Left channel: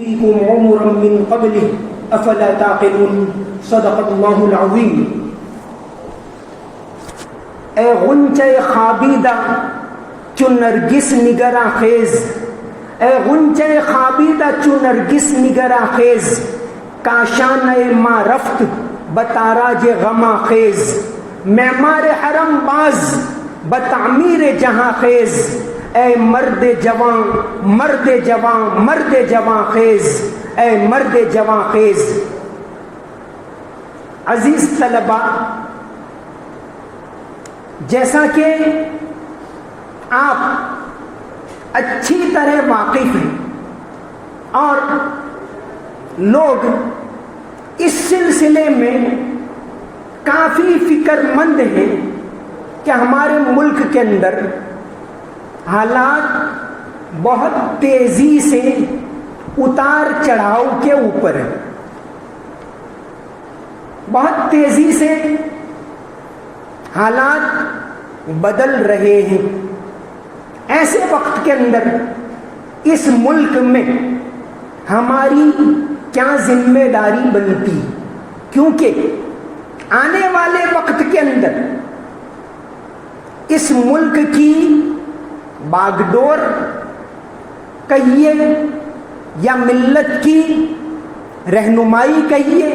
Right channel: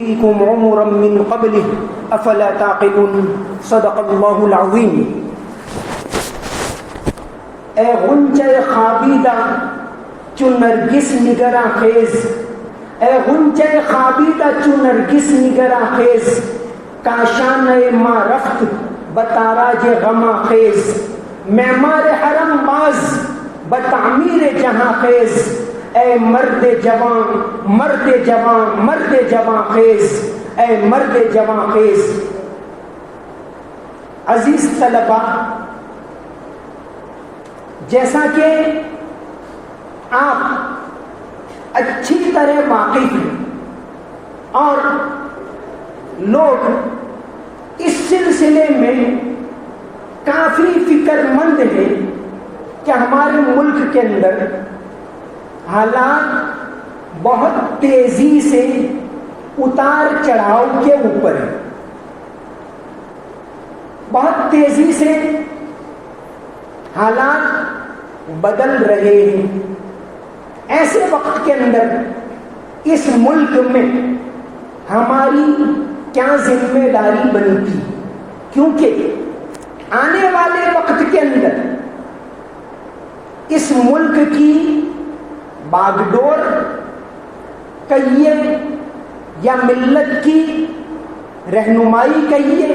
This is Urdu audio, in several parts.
فيكم عمرا من قبله افلا تعقلون صدق اللہ العظیم۔ اے غنچہ خوابیدہ چو نرگس نگراں خیز، اے غنچہ خوابیدہ چو نرگس نگراں خیز، کاشانہ ما رفت بتاراج غما خیز، معمار حرم باز بتعمیر جہاں خیز، اے مرد جوان مرد جوان مرد جوان خیز، اے مرد جوان خیز۔ عزیز طلبہ، جیسا کہ آپ اچھی طرح واقف ہیں اور لوگ اس سلسلے میں کافی فکر مند ہیں کہ ہمارے ملک کے اندر حالات بہت تیزی سے اتار چڑھاؤ کے اوپر ہے، بہت تیزی سے حالات بدل رہے ہیں۔ ایسے وقت کے اندر اس ملک میں ہماری کیا ذمہ داری بنتی، کیونکہ آنے والے وقت کے اندر اس ملک کی باغ ڈور کہیے یا ملت کی رہنمائی کہیے،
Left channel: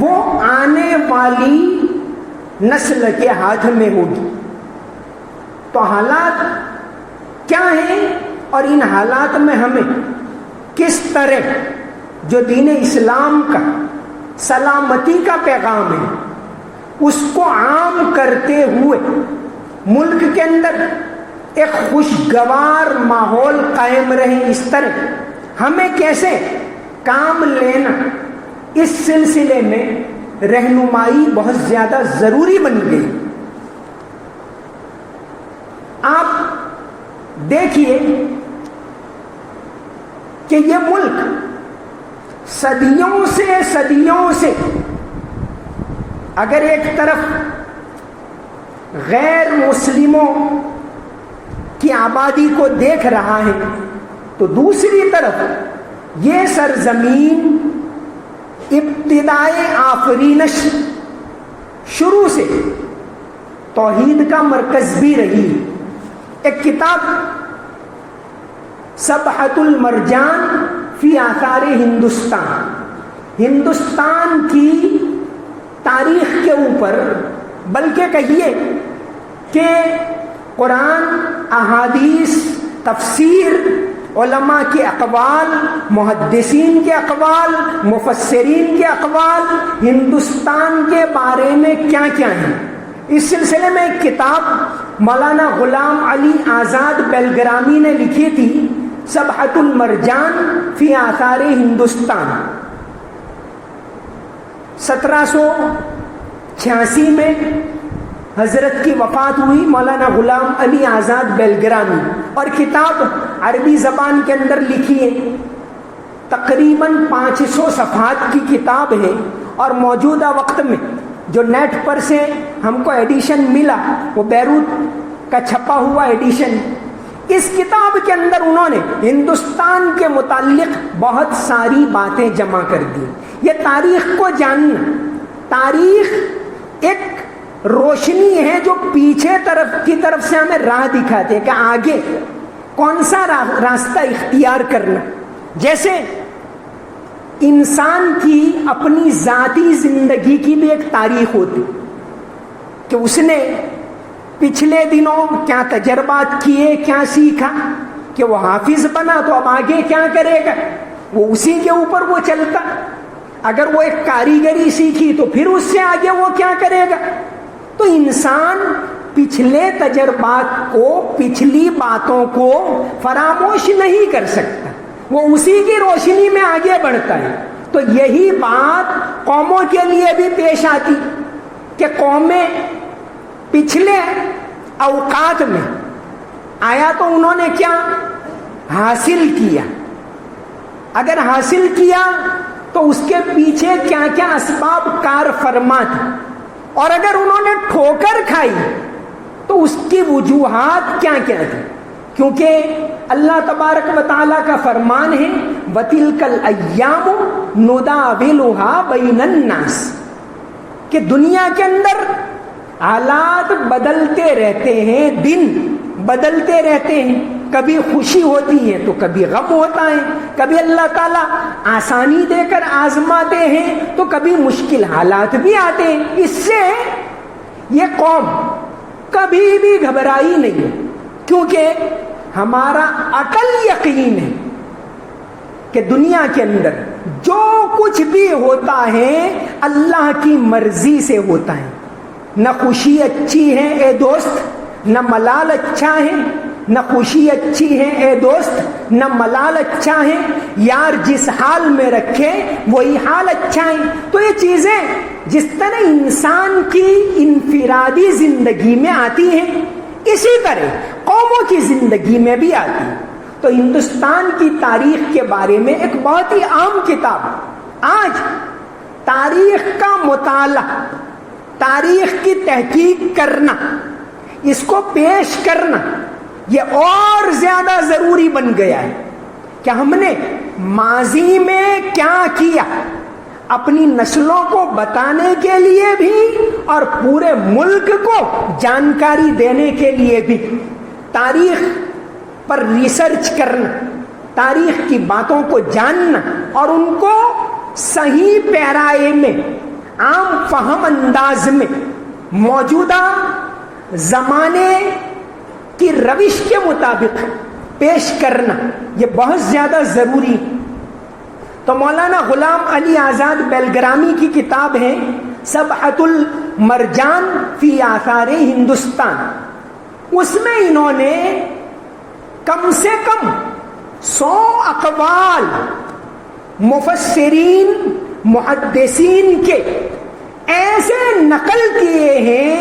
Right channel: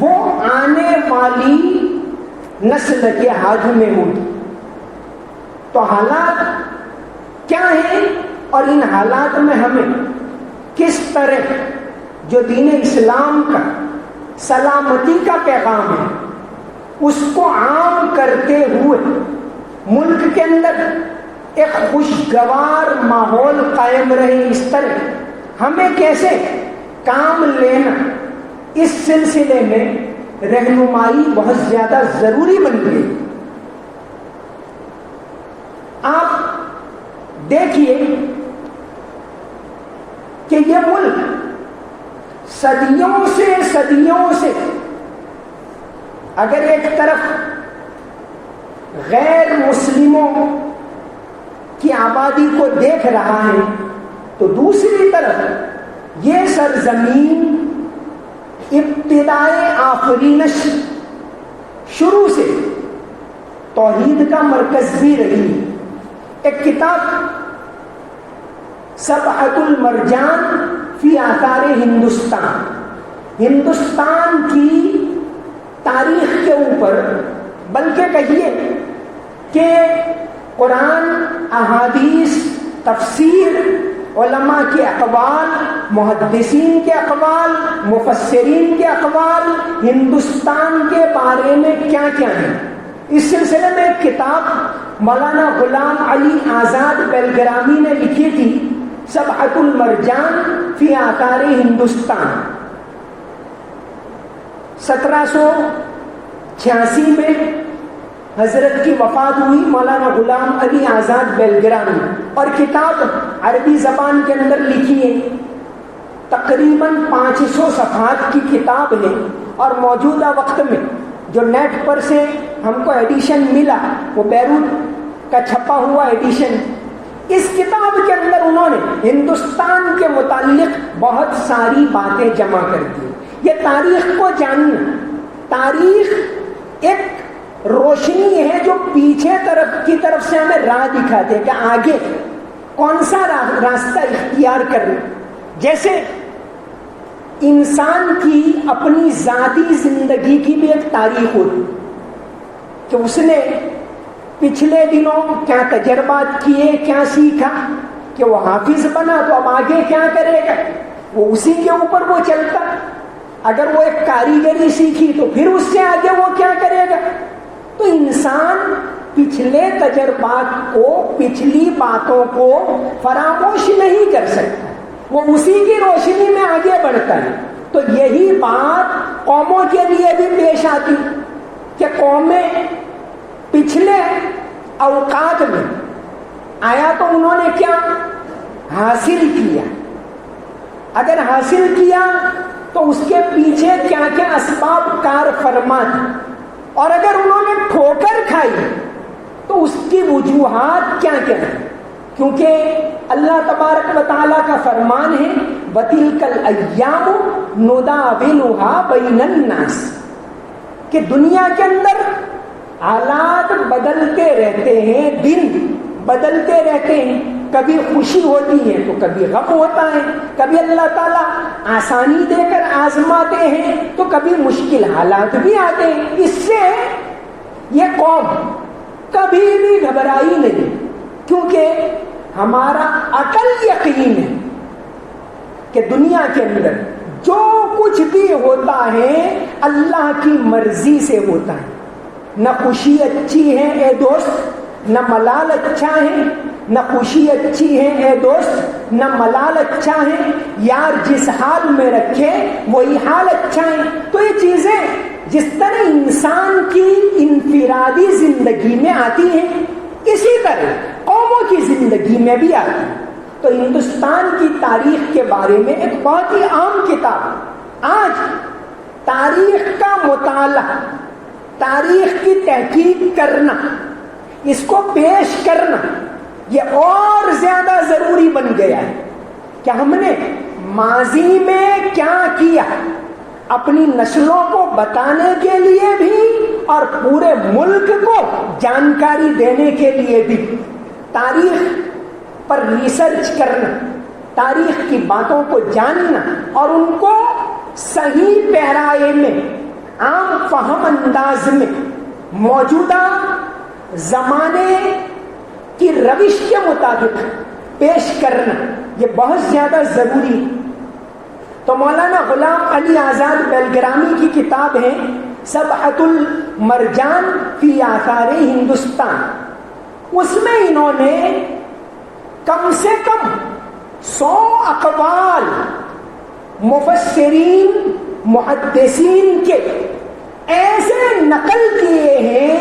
وہ آنے والی نسل کے ہاتھ میں ہوگی۔ تو حالات کیا ہیں اور ان حالات میں ہمیں کس طرح جو دین اسلام کا سلامتی کا پیغام ہے اس کو عام کرتے ہوئے ملک کے اندر ایک خوشگوار ماحول قائم رہے، اس طرح ہمیں کیسے کام لینا، اس سلسلے میں رہنمائی بہت زیادہ ضروری بن گئی۔ آپ دیکھیے کہ یہ ملک صدیوں سے اگر ایک طرف غیر مسلموں کی آبادی کو دیکھ رہا ہے تو دوسری طرف یہ سرزمین ابتدائے آفرینش شروع سے توحید کا مرکز بھی رہی۔ ایک کتاب سبحۃ المرجان فی آثار ہندوستان کی تاریخ کے اوپر، بلکہ کہیے کہ قرآن، احادیث، تفسیر، علماء کے اقوال، محدثین کے اقوال، مفسرین کے اقوال، ہندوستان کے بارے میں کیا کیا ہے، اس سلسلے میں ایک کتاب مولانا غلام علی آزاد بیلگرامی نے لکھی تھی، سبحۃ المرجان فی آثار ہندوستان۔ 1786 میں حضرت کی وفات ہوئی مولانا غلام علی آزاد بیلگرامی، اور کتاب عربی زبان کے اندر لکھی ہے، تقریباً 500 صفحات کی کتاب ہے، اور موجودہ وقت میں جو نیٹ پر سے ہم کو ایڈیشن ملا وہ بیروت کا چھپا ہوا ایڈیشن۔ اس کتاب کے اندر انہوں نے ہندوستان کے متعلق بہت ساری باتیں جمع کر دی۔ یہ تاریخ کو جاننا، تاریخ ایک روشنی ہے جو پیچھے کی طرف سے ہمیں راہ دکھاتے کہ آگے کون سا راستہ اختیار کرنا۔ جیسے انسان کی اپنی ذاتی زندگی کی بھی ایک تاریخ ہوتی کہ اس نے پچھلے دنوں کیا تجربات کیے، کیا سیکھا، کہ وہ حافظ بنا تو اب آگے کیا کرے گا، وہ اسی کے اوپر وہ چلتا۔ اگر وہ ایک کاریگری سیکھی تو پھر اس سے آگے وہ کیا کرے گا۔ تو انسان پچھلے تجربات کو، پچھلی باتوں کو فراموش نہیں کر سکتا، وہ اسی کی روشنی میں آگے بڑھتا ہے۔ تو یہی بات قوموں کے لیے بھی پیش آتی کہ قومیں پچھلے اوقات میں آیا تو انہوں نے کیا حاصل کیا، اگر حاصل کیا تو اس کے پیچھے کیا کیا اسباب کار فرما تھے، اور اگر انہوں نے ٹھوکر کھائی تو اس کی وجوہات کیا کیا تھی۔ کیونکہ اللہ تبارک و تعالیٰ کا فرمان ہے وَتِلْكَ الْأَيَّامُ نُدَاوِلُهَا بَيْنَ النَّاسِ، کہ دنیا کے اندر حالات بدلتے رہتے ہیں، دن بدلتے رہتے ہیں، کبھی خوشی ہوتی ہے تو کبھی غم ہوتا ہے، کبھی اللہ تعالیٰ آسانی دے کر آزماتے ہیں تو کبھی مشکل حالات بھی آتے ہیں۔ اس سے یہ قوم کبھی بھی گھبرائی نہیں، کیونکہ ہمارا عقل یقین ہے کہ دنیا کے اندر جو کچھ بھی ہوتا ہے اللہ کی مرضی سے ہوتا ہے۔ نہ خوشی اچھی ہے اے دوست، نہ ملال اچھا ہے، نہ خوشی اچھی ہے اے دوست، نہ ملال اچھا ہے، یار جس حال میں رکھے وہی حال اچھا ہے۔ تو یہ چیزیں جس طرح انسان کی انفرادی زندگی میں آتی ہیں، اسی طرح قوموں کی زندگی میں بھی آتی ہیں۔ تو ہندوستان کی تاریخ کے بارے میں ایک بہت ہی عام کتاب، آج تاریخ کا مطالعہ، تاریخ کی تحقیق کرنا، اس کو پیش کرنا، یہ اور زیادہ ضروری بن گیا ہے کہ ہم نے ماضی میں کیا کیا، اپنی نسلوں کو بتانے کے لیے بھی اور پورے ملک کو جانکاری دینے کے لیے بھی تاریخ پر ریسرچ کرنا، تاریخ کی باتوں کو جاننا اور ان کو صحیح پیرائے میں، عام فہم انداز میں، موجودہ زمانے کی روش کے مطابق پیش کرنا، یہ بہت زیادہ ضروری۔ تو مولانا غلام علی آزاد بیلگرامی کی کتاب ہے سبحۃ المرجان فی آثار ہندوستان، اس میں انہوں نے کم سے کم 100 اقوال مفسرین محدثین کے ایسے نقل کیے ہیں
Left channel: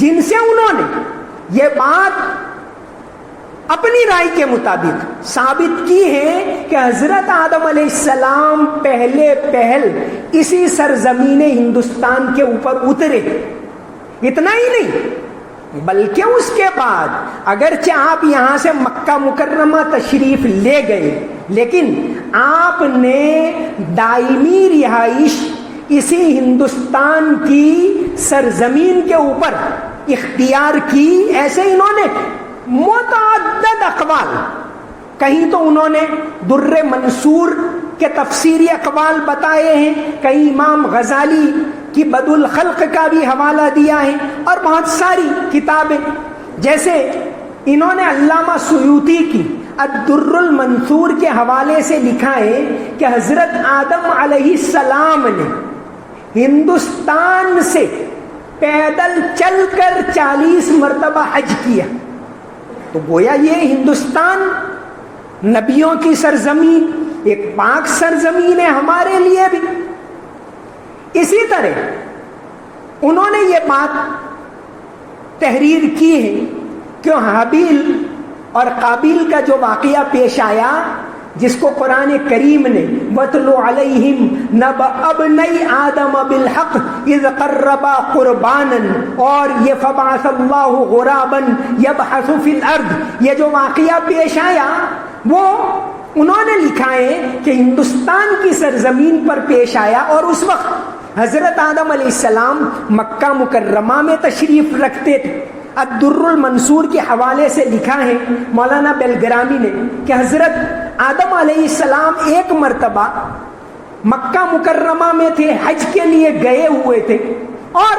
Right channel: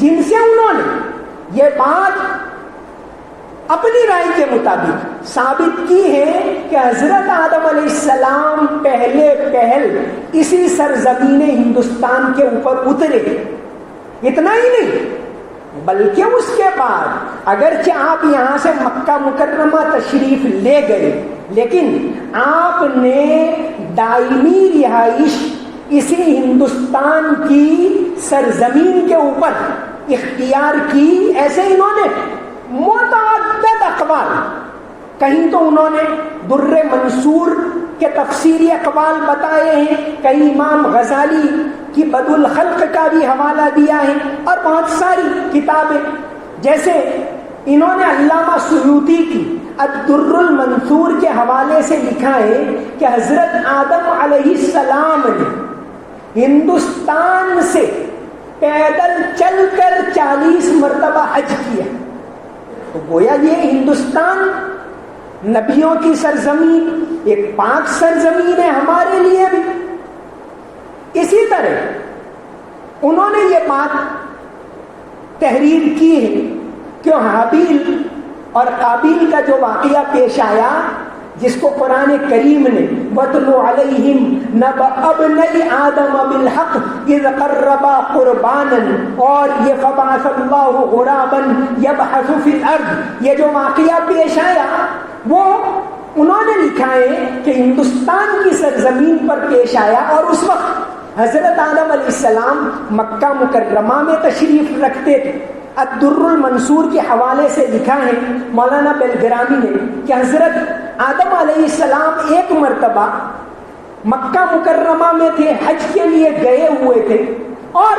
جن سے انہوں نے یہ بات اپنی رائے کے مطابق ثابت کی ہے کہ حضرت آدم علیہ السلام پہل اسی سرزمین ہندوستان کے اوپر اترے۔ اتنا ہی نہیں بلکہ اس کے بعد اگرچہ آپ یہاں سے مکہ مکرمہ تشریف لے گئے، لیکن آپ نے دائمی رہائش اسی ہندوستان کی سرزمین کے اوپر اختیار کی۔ ایسے انہوں نے متعدد اقوال، کہیں تو انہوں نے در منصور کے تفسیری اقوال بتائے ہیں، کہیں امام غزالی کی بدء الخلق کا بھی حوالہ دیا ہے، اور بہت ساری کتابیں، جیسے انہوں نے علامہ سیوطی کی الدر المنثور کے حوالے سے لکھا ہے کہ حضرت آدم علیہ السلام نے ہندوستان سے پیدل چل کر 40 مرتبہ حج کیا۔ تو گویا یہ ہندوستان نبیوں کی سرزمین، ایک پاک سرزمین ہے ہمارے لیے بھی۔ اسی طرح انہوں نے یہ بات تحریر کی ہے کہ حابیل اور قابیل کا جو واقعہ پیش آیا، جس کو قرآن کریم نے وَاتْلُ عَلَيْهِمْ نَبَأَ ابْنَيْ آدَمَ بِالْحَقِّ إِذْ قَرَّبَا قُرْبَانًا، اور یہ فَبَعَثَ اللَّهُ غُرَابًا يَبْحَثُ فِي الْأَرْضِ، یہ جو واقعہ پیش آیا وہ انہوں نے لکھا ہے کہ ہندوستان کی سرزمین پر پیش آیا، اور اس وقت حضرت آدم علیہ السلام مکہ مکرمہ میں تشریف رکھتے تھے۔ الدر المنصور کے حوالے سے لکھا ہے مولانا بیلگرامی نے کہ حضرت آدم علیہ السلام ایک مرتبہ مکہ مکرمہ میں تھے، حج کے لیے گئے ہوئے تھے، اور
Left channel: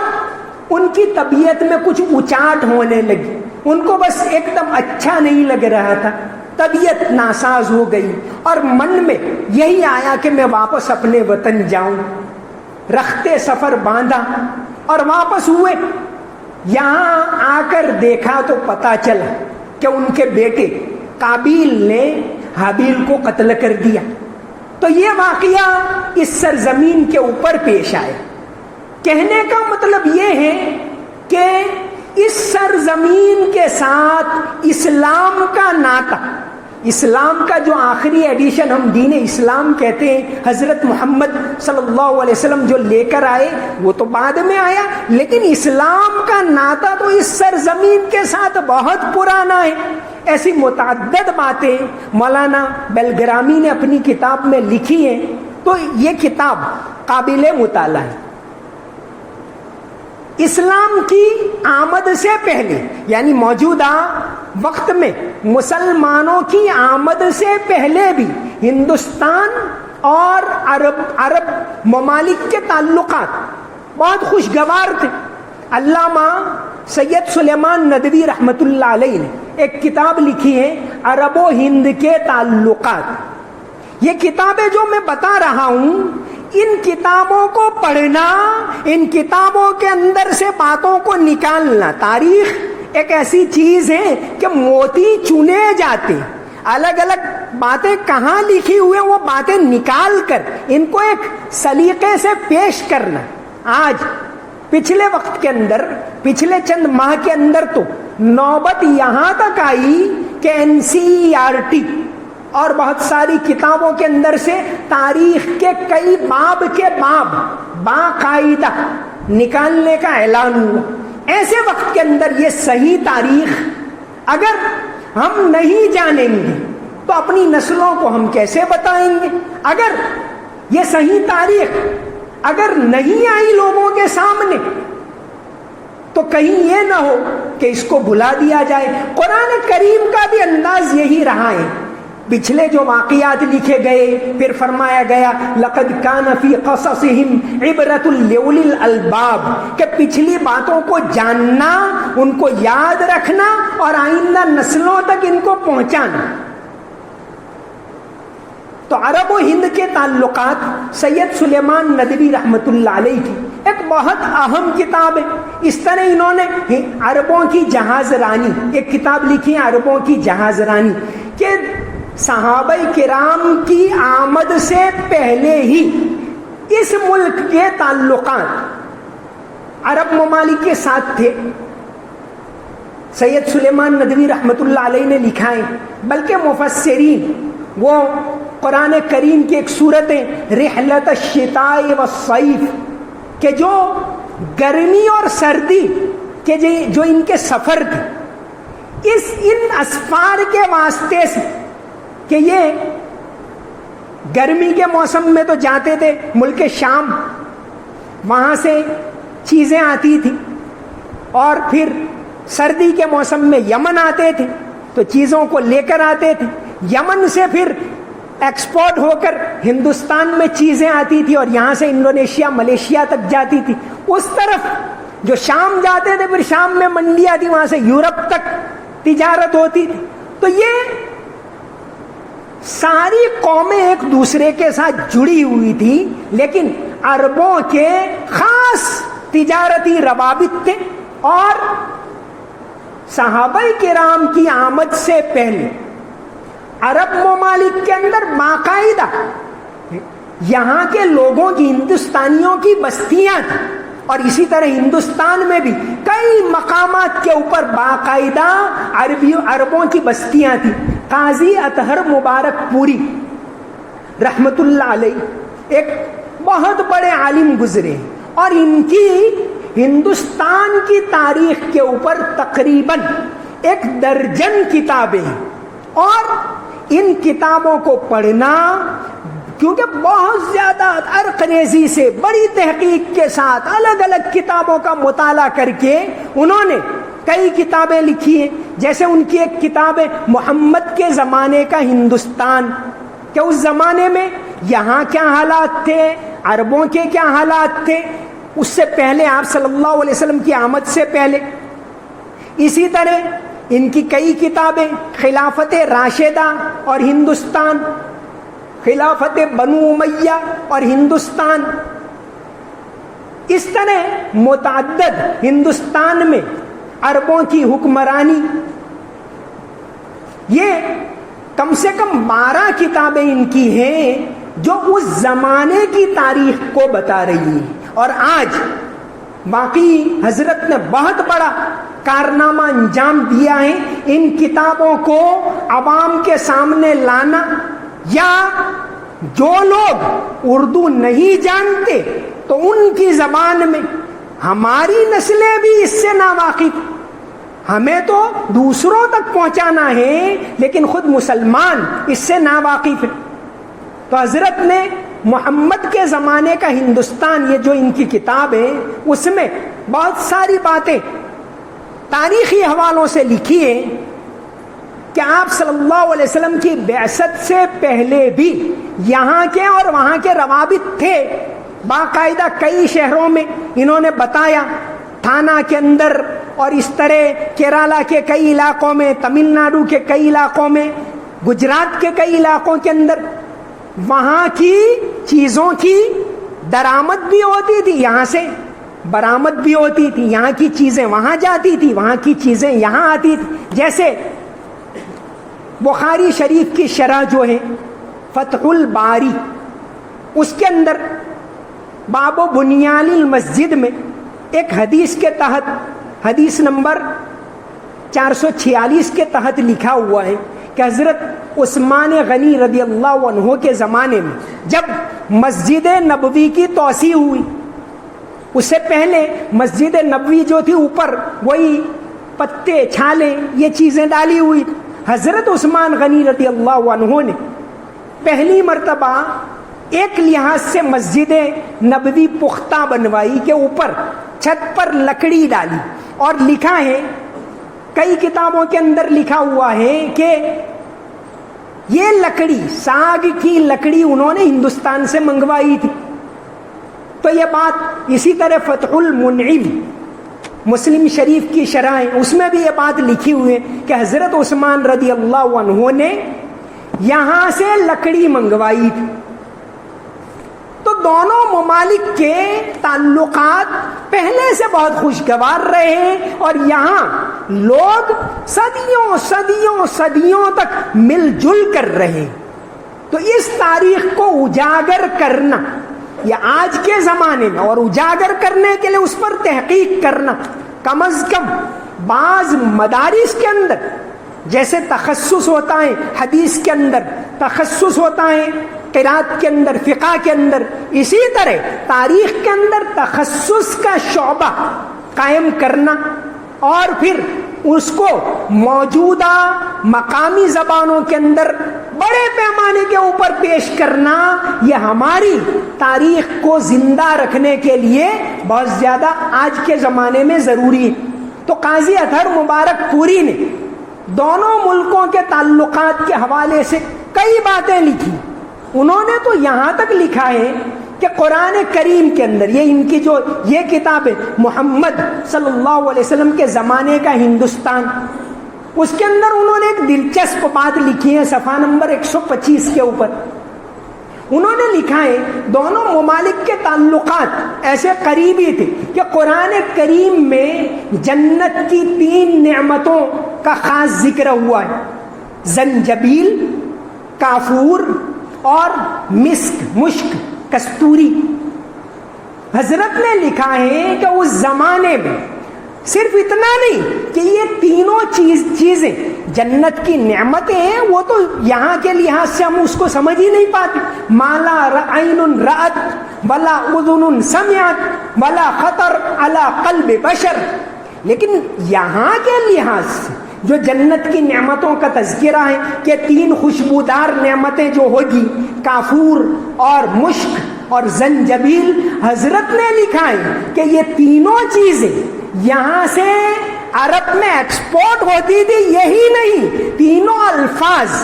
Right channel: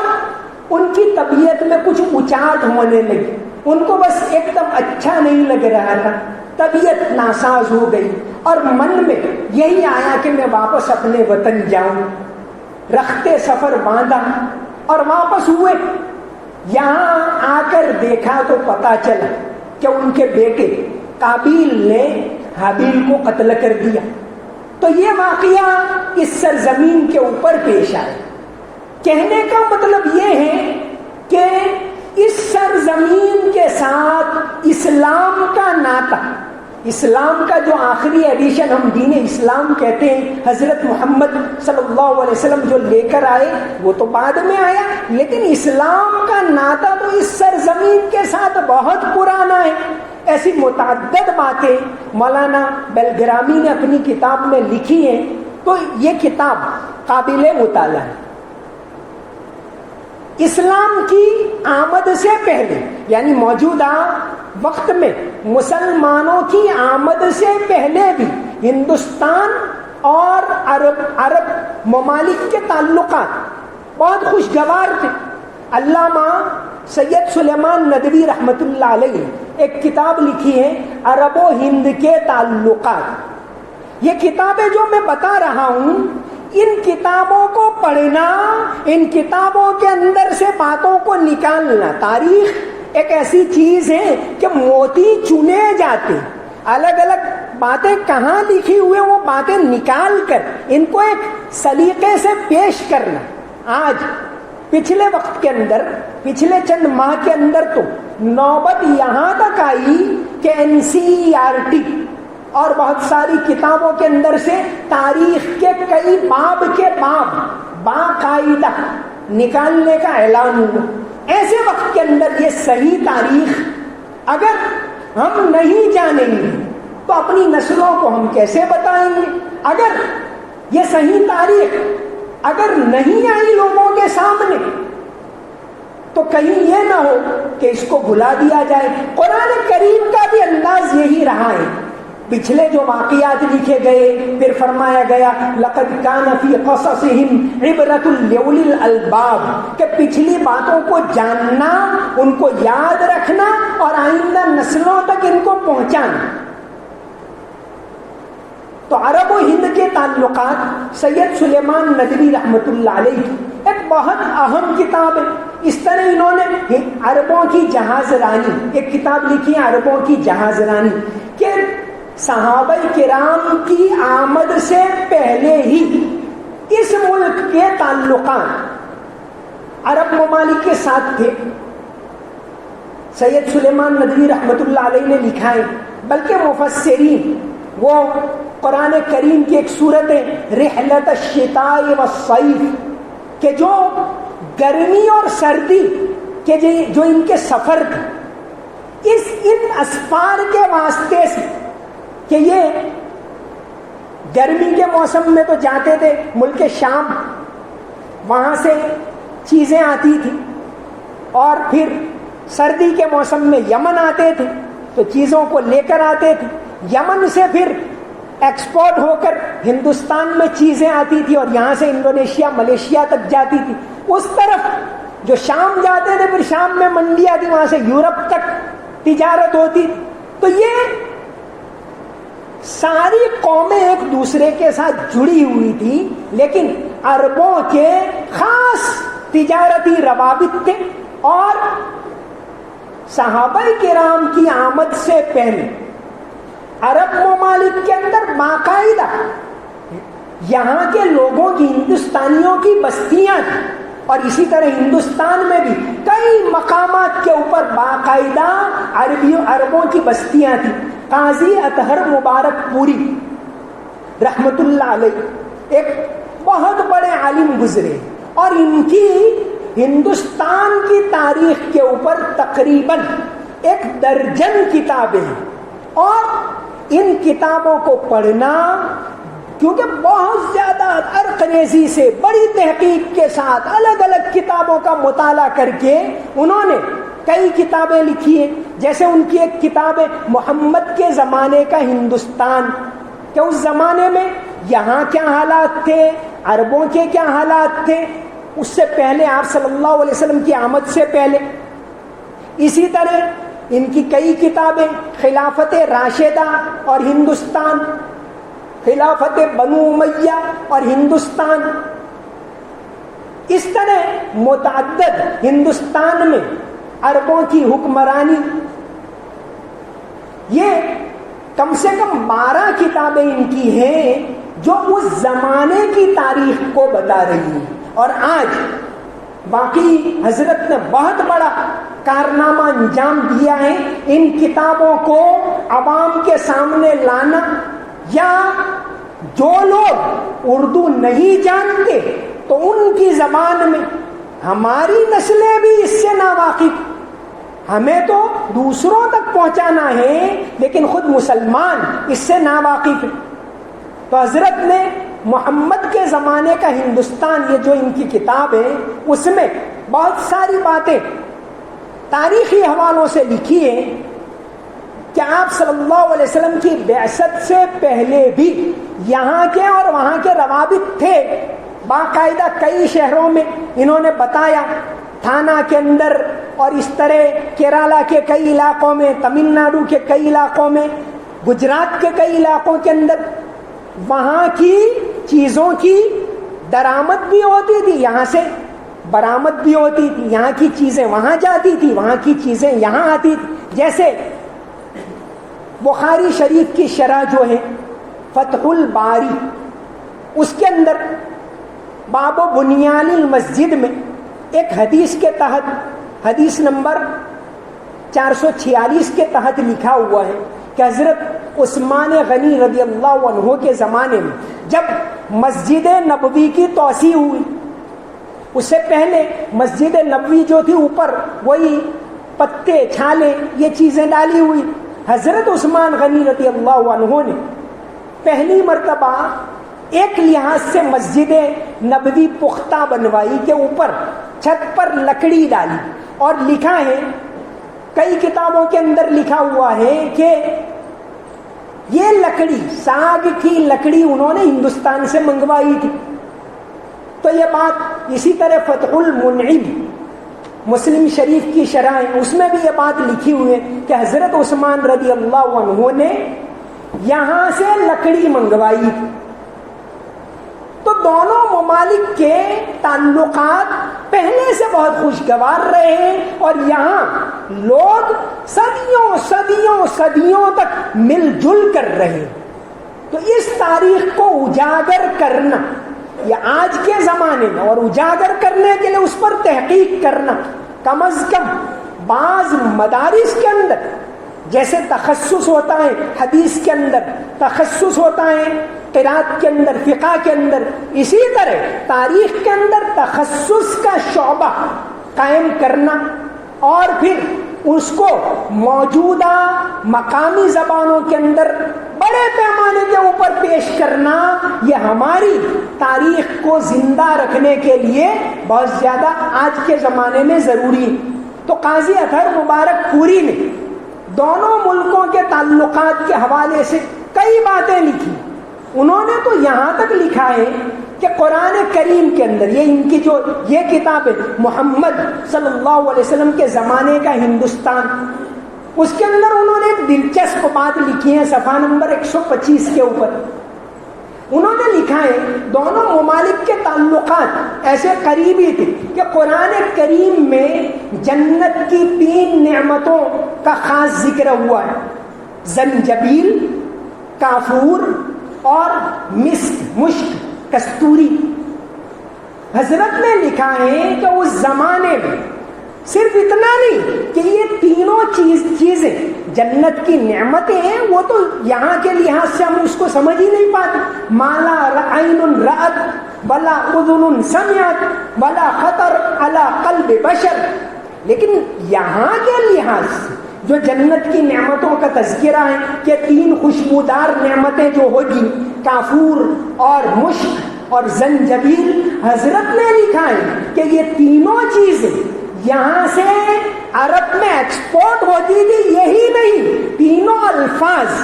ان کی طبیعت میں کچھ اچاٹ ہونے لگی، ان کو بس ایک دم اچھا نہیں لگ رہا تھا، طبیعت ناساز ہو گئی، اور من میں یہی آیا کہ میں واپس اپنے وطن جاؤں۔ رختے سفر باندھا اور واپس ہوئے۔ یہاں آ کر دیکھا تو پتا چلا کہ ان کے بیٹے قابیل نے حابیل کو قتل کر دیا۔ تو یہ واقعہ اس سرزمین کے اوپر پیش آئے۔ کہنے کا مطلب یہ ہے کہ اس سرزمین کے ساتھ اسلام کا ناطہ، اسلام کا جو آخری ایڈیشن ہم دین اسلام کہتے ہیں، حضرت محمد صلی اللہ علیہ وسلم جو لے کر آئے وہ تو بعد میں آیا، لیکن اسلام کا ناطہ تو اس سرزمین کے ساتھ بہت پرانا ہے۔ ایسی متعدد باتیں مولانا بیلگرامی نے اپنی کتاب میں لکھی ہیں. تو یہ کتاب قابل مطالعہ ہے. اسلام کی آمد سے پہلے یعنی موجودہ وقت میں مسلمانوں کی آمد سے پہلے بھی ہندوستان اور عرب ممالک کے تعلقات بہت خوشگوار تھے. علامہ سید سلیمان ندوی رحمۃ اللہ علیہ نے ایک کتاب لکھی ہے عرب و ہند کے تعلقات. یہ کتابیں جو میں بتا رہا ہوں ان کتابوں کو پڑھنا, ان کتابوں کے اندر سے باتوں کو نکالنا. تاریخ ایک ایسی چیز ہے کہ موتی چنے جاتے, الگ الگ باتیں کہاں لکھی ہوئے وہ باتیں نکال کر ان کو ایک سلیقے سے پیش کرنا. آج پچھلے وقت کے اندر, پچھلے چند ماہ کے اندر تو نوبت یہاں تک آئی کہ NCERT اور بہت ساری کتابوں کے اندر سے تاریخ کے کئی باب کے باب باقاعدہ نکالنے کا اعلان ہوا. ایسے وقت کے اندر یہ صحیح تاریخ اگر ہم نہیں جانیں گے تو اپنی نسلوں کو ہم کیسے بتائیں گے؟ اگر یہ صحیح تاریخ اگر نہیں آئی لوگوں کے سامنے تو کہیں یہ نہ ہو کہ اس کو بھلا دیا جائے. قرآن کریم کا بھی انداز یہی رہا ہے. پچھلے جو واقعات لکھے گئے پھر فرمایا گیا لقد کان فی قصصہم عبرۃ لأولی الالباب, کہ پچھلی باتوں کو جاننا, ان کو یاد رکھنا اور آئندہ نسلوں تک ان کو پہنچانا. تو عرب و ہند کے تعلقات سید سلیمان ندوی رحمۃ اللہ علیہ کی ایک بہت اہم کتاب ہے. اس طرح انہوں نے عربوں کی جہاز رانی ایک کتاب لکھی ہے, عربوں کی جہاز رانی, کہ صحابہ کرام کی آمد سے پہلے ہی اس ملک کے تعلقات عرب ممالک کے ساتھ تھے. سید سلیمان ندوی رحمۃ اللہ علیہ نے لکھا ہے, بلکہ مفسرین وہ قرآن کریم کی ایک سورت ہے رحلت الشتاء والصیف, کہ جو گرمی اور سردی کے جو ان کے سفر تھے ان اسفار کے واسطے سے, کہ یہ گرمی کے موسم میں تو جاتے تھے ملک شام, وہاں سے چیزیں آتی تھی, اور پھر سردی کے موسم میں یمن آتے تھے تو چیزوں کو لے کر آتے تھے. یمن سے پھر ایکسپورٹ ہو کر ہندوستان میں چیزیں آتی تھی اور یہاں سے انڈونیشیا ملیشیا تک جاتی تھی. اس طرف جو شام جاتے تھے پھر شام میں منڈیاں تھی, وہاں سے یورپ تک تجارت ہوتی تھی. تو یہ ساری قومیں ایک دوسرے کے ساتھ جڑی ہوئی تھی, لیکن عربوں کے خاص تجارتی روابط تھے. اور صحابہ کرام کی آمد سے پہلے عرب ممالک کے اندر باقاعدہ یہاں کے لوگوں کی, ہندوستانیوں کی بستیاں تھیں, اور اسی طرح ہندوستان میں بھی کئی مقامات کے اوپر باقاعدہ عربوں کی بستیاں تھیں. قاضی اطہر مبارک پوری رحمت اللہ علیہ ایک بہت بڑے عالم گزرے, اور ان کی ہندوستان کی تاریخ کے اوپر تقریباً 1 درجن کتابیں ہیں. اور ان کتابوں کو پڑھنا, کیونکہ بہت زیادہ عرقریزی سے بڑی تحقیق کے ساتھ الگ الگ کتابوں کا مطالعہ کر کے انہوں نے کئی کتابیں لکھی ہیں. جیسے ان کی ایک کتاب ہے محمد کے زمانے کا ہندوستان, کہ اس زمانے میں یہاں کیا حالات تھے, عربوں کے کیا حالات تھے اس سے پہلے, آپ صلی اللہ علیہ وسلم کی آمد سے پہلے. اسی طرح ان کی کئی کتابیں خلافت راشدہ اور ہندوستان, خلافت بنو امیہ اور ہندوستان. اس طرح متعدد ہندوستان میں عربوں کی حکمرانی, یہ کم سے کم 12 کتابیں ان کی ہیں جو اس زمانے کی تاریخ کو بتا رہی ہیں. اور آج باقی حضرت نے بہت بڑا کارنامہ انجام دیا ہے ان کتابوں کو عوام کے سامنے لانا. یا جو لوگ اردو نہیں جانتے تو ان کی زبان میں, ہماری نسلیں بھی اس سے ناواقف, ہمیں تو دوسروں تک پہنچانا ہے لیکن خود مسلمان اس سے ناواقف ہے. تو حضرت نے محمد کے زمانے کا ہندوستان، یہ جو ان کی کتاب ہے اس میں بہت ساری باتیں تاریخی حوالوں سے لکھی ہے کہ آپ صلی اللہ علیہ وسلم کی بعثت سے پہلے بھی یہاں کے اور وہاں کے روابط تھے. باقاعدہ کئی شہروں میں انہوں نے بتایا، تھانہ کے اندر اور اس طرح کیرالا کے کئی علاقوں میں، تمل ناڈو کے کئی علاقوں میں، گجرات کے کئی علاقوں کے اندر وہاں کی چیزوں کی درآمد بھی ہوتی تھی، یہاں سے برآمد بھی ہوتی تھی. یہاں کی چیزیں وہاں جاتی تھی، وہاں کی چیزیں یہاں آتی تھی. جیسے بخاری شریف کی شرح جو ہے فتح الباری، اس کے اندر باب و بنیان المسجد میں ایک حدیث کے تحت، حدیث نمبر 446 کے تحت لکھا ہوا ہے کہ حضرت عثمان غنی رضی اللہ عنہ کے زمانے میں جب مسجد نبوی کی توسیع ہوئی، اس سے پہلے مسجد نبوی جو تھی اوپر وہی پتے چھالے یہ چیزیں ڈالی ہوئی. حضرت عثمان غنی رضی اللہ عنہ نے پہلی مرتبہ ایک لحاظ سے مسجد نبوی پختہ بنوائی کہ اوپر چھت پر لکڑی ڈالی، اور لکھا ہے کئی کتابوں کے اندر لکھا ہوا ہے کہ یہ لکڑی ساگ کی لکڑی انہوں نے ہندوستان سے منگوائی تھی. تو یہ بات اسی طرح فتح المنعم مسلم شریف کی شرح ہے، اس میں بھی یہ بات لکھی ہوئی ہے کہ حضرت عثمان رضی اللہ عنہ نے یہاں سے لکڑی منگوائی تھی. تو دونوں ممالک کے تعلقات پہلے سے بہت خوشگوار رہے ہیں اور یہاں لوگ صدیوں صدیوں صدیوں تک مل جل کر رہے. تو اس تاریخ کو اجاگر کرنا یہ آج کے زمانے میں، اور اجاگر کرنے کے لیے اس پر تحقیق کرنا، کم از کم بعض مدارس کے اندر جیسے تخصص ہوتا ہے، حدیث کے اندر تخصص ہوتا ہے، قرات کے اندر، فقہ کے اندر، اسی طرح تاریخ کے اندر تخصص کا شعبہ قائم کرنا اور پھر اس کو موجودہ مقامی زبانوں کے اندر بڑے پیمانے کے اوپر پیش کرنا، یہ ہماری تاریخ کو زندہ رکھنے کے لیے بہت زیادہ آج کے زمانے میں ضروری ہے. تو قاضی اطہر مبارک پوری نے دونوں ملکوں کے تعلقات کے حوالے سے کئی باتیں لکھی. انہوں نے تو یہاں تک لکھا ہے کہ قرآن کریم کے اندر یہ ان کی جو یہ کتاب ہے محمد صلی اللہ علیہ وسلم کے زمانے کا ہندوستان، اس کے اندر انہوں نے ایک دلچسپ بات لکھی ہے صفحہ نمبر 125 کے اوپر. انہوں نے لکھا ہے دونوں ممالک کے تعلقات ایسے قریبی تھے کہ قرآن کریم میں جنت کی 3 نعمتوں کا خاص ذکر ہوا ہے: زنجبیل، کافور اور مسک، مشک، کستوری. حضرت نے لکھا ہے کہ اس زمانے میں صرف اتنا نہیں کہ یہ تینوں چیزیں جنت کی نعمتیں ہیں، وہ تو یہاں کے لحاظ سے ہم اس کو سمجھ ہی نہیں پاتے. مالا عین رأت ولا اذن سمعت ولا خطر علی قلب بشر. لیکن یہاں کے لحاظ سے جو جنت کی نعمتوں کا تذکرہ ہے کہ 3 خوشبودار نعمتیں جو ہوگی، کافور اور مشک اور زنجبیل، حضرت نے لکھا ہے کہ یہ تینوں چیزیں یہاں سے عرب میں ایکسپورٹ ہوتی تھی. یہی نہیں، تینوں الفاظ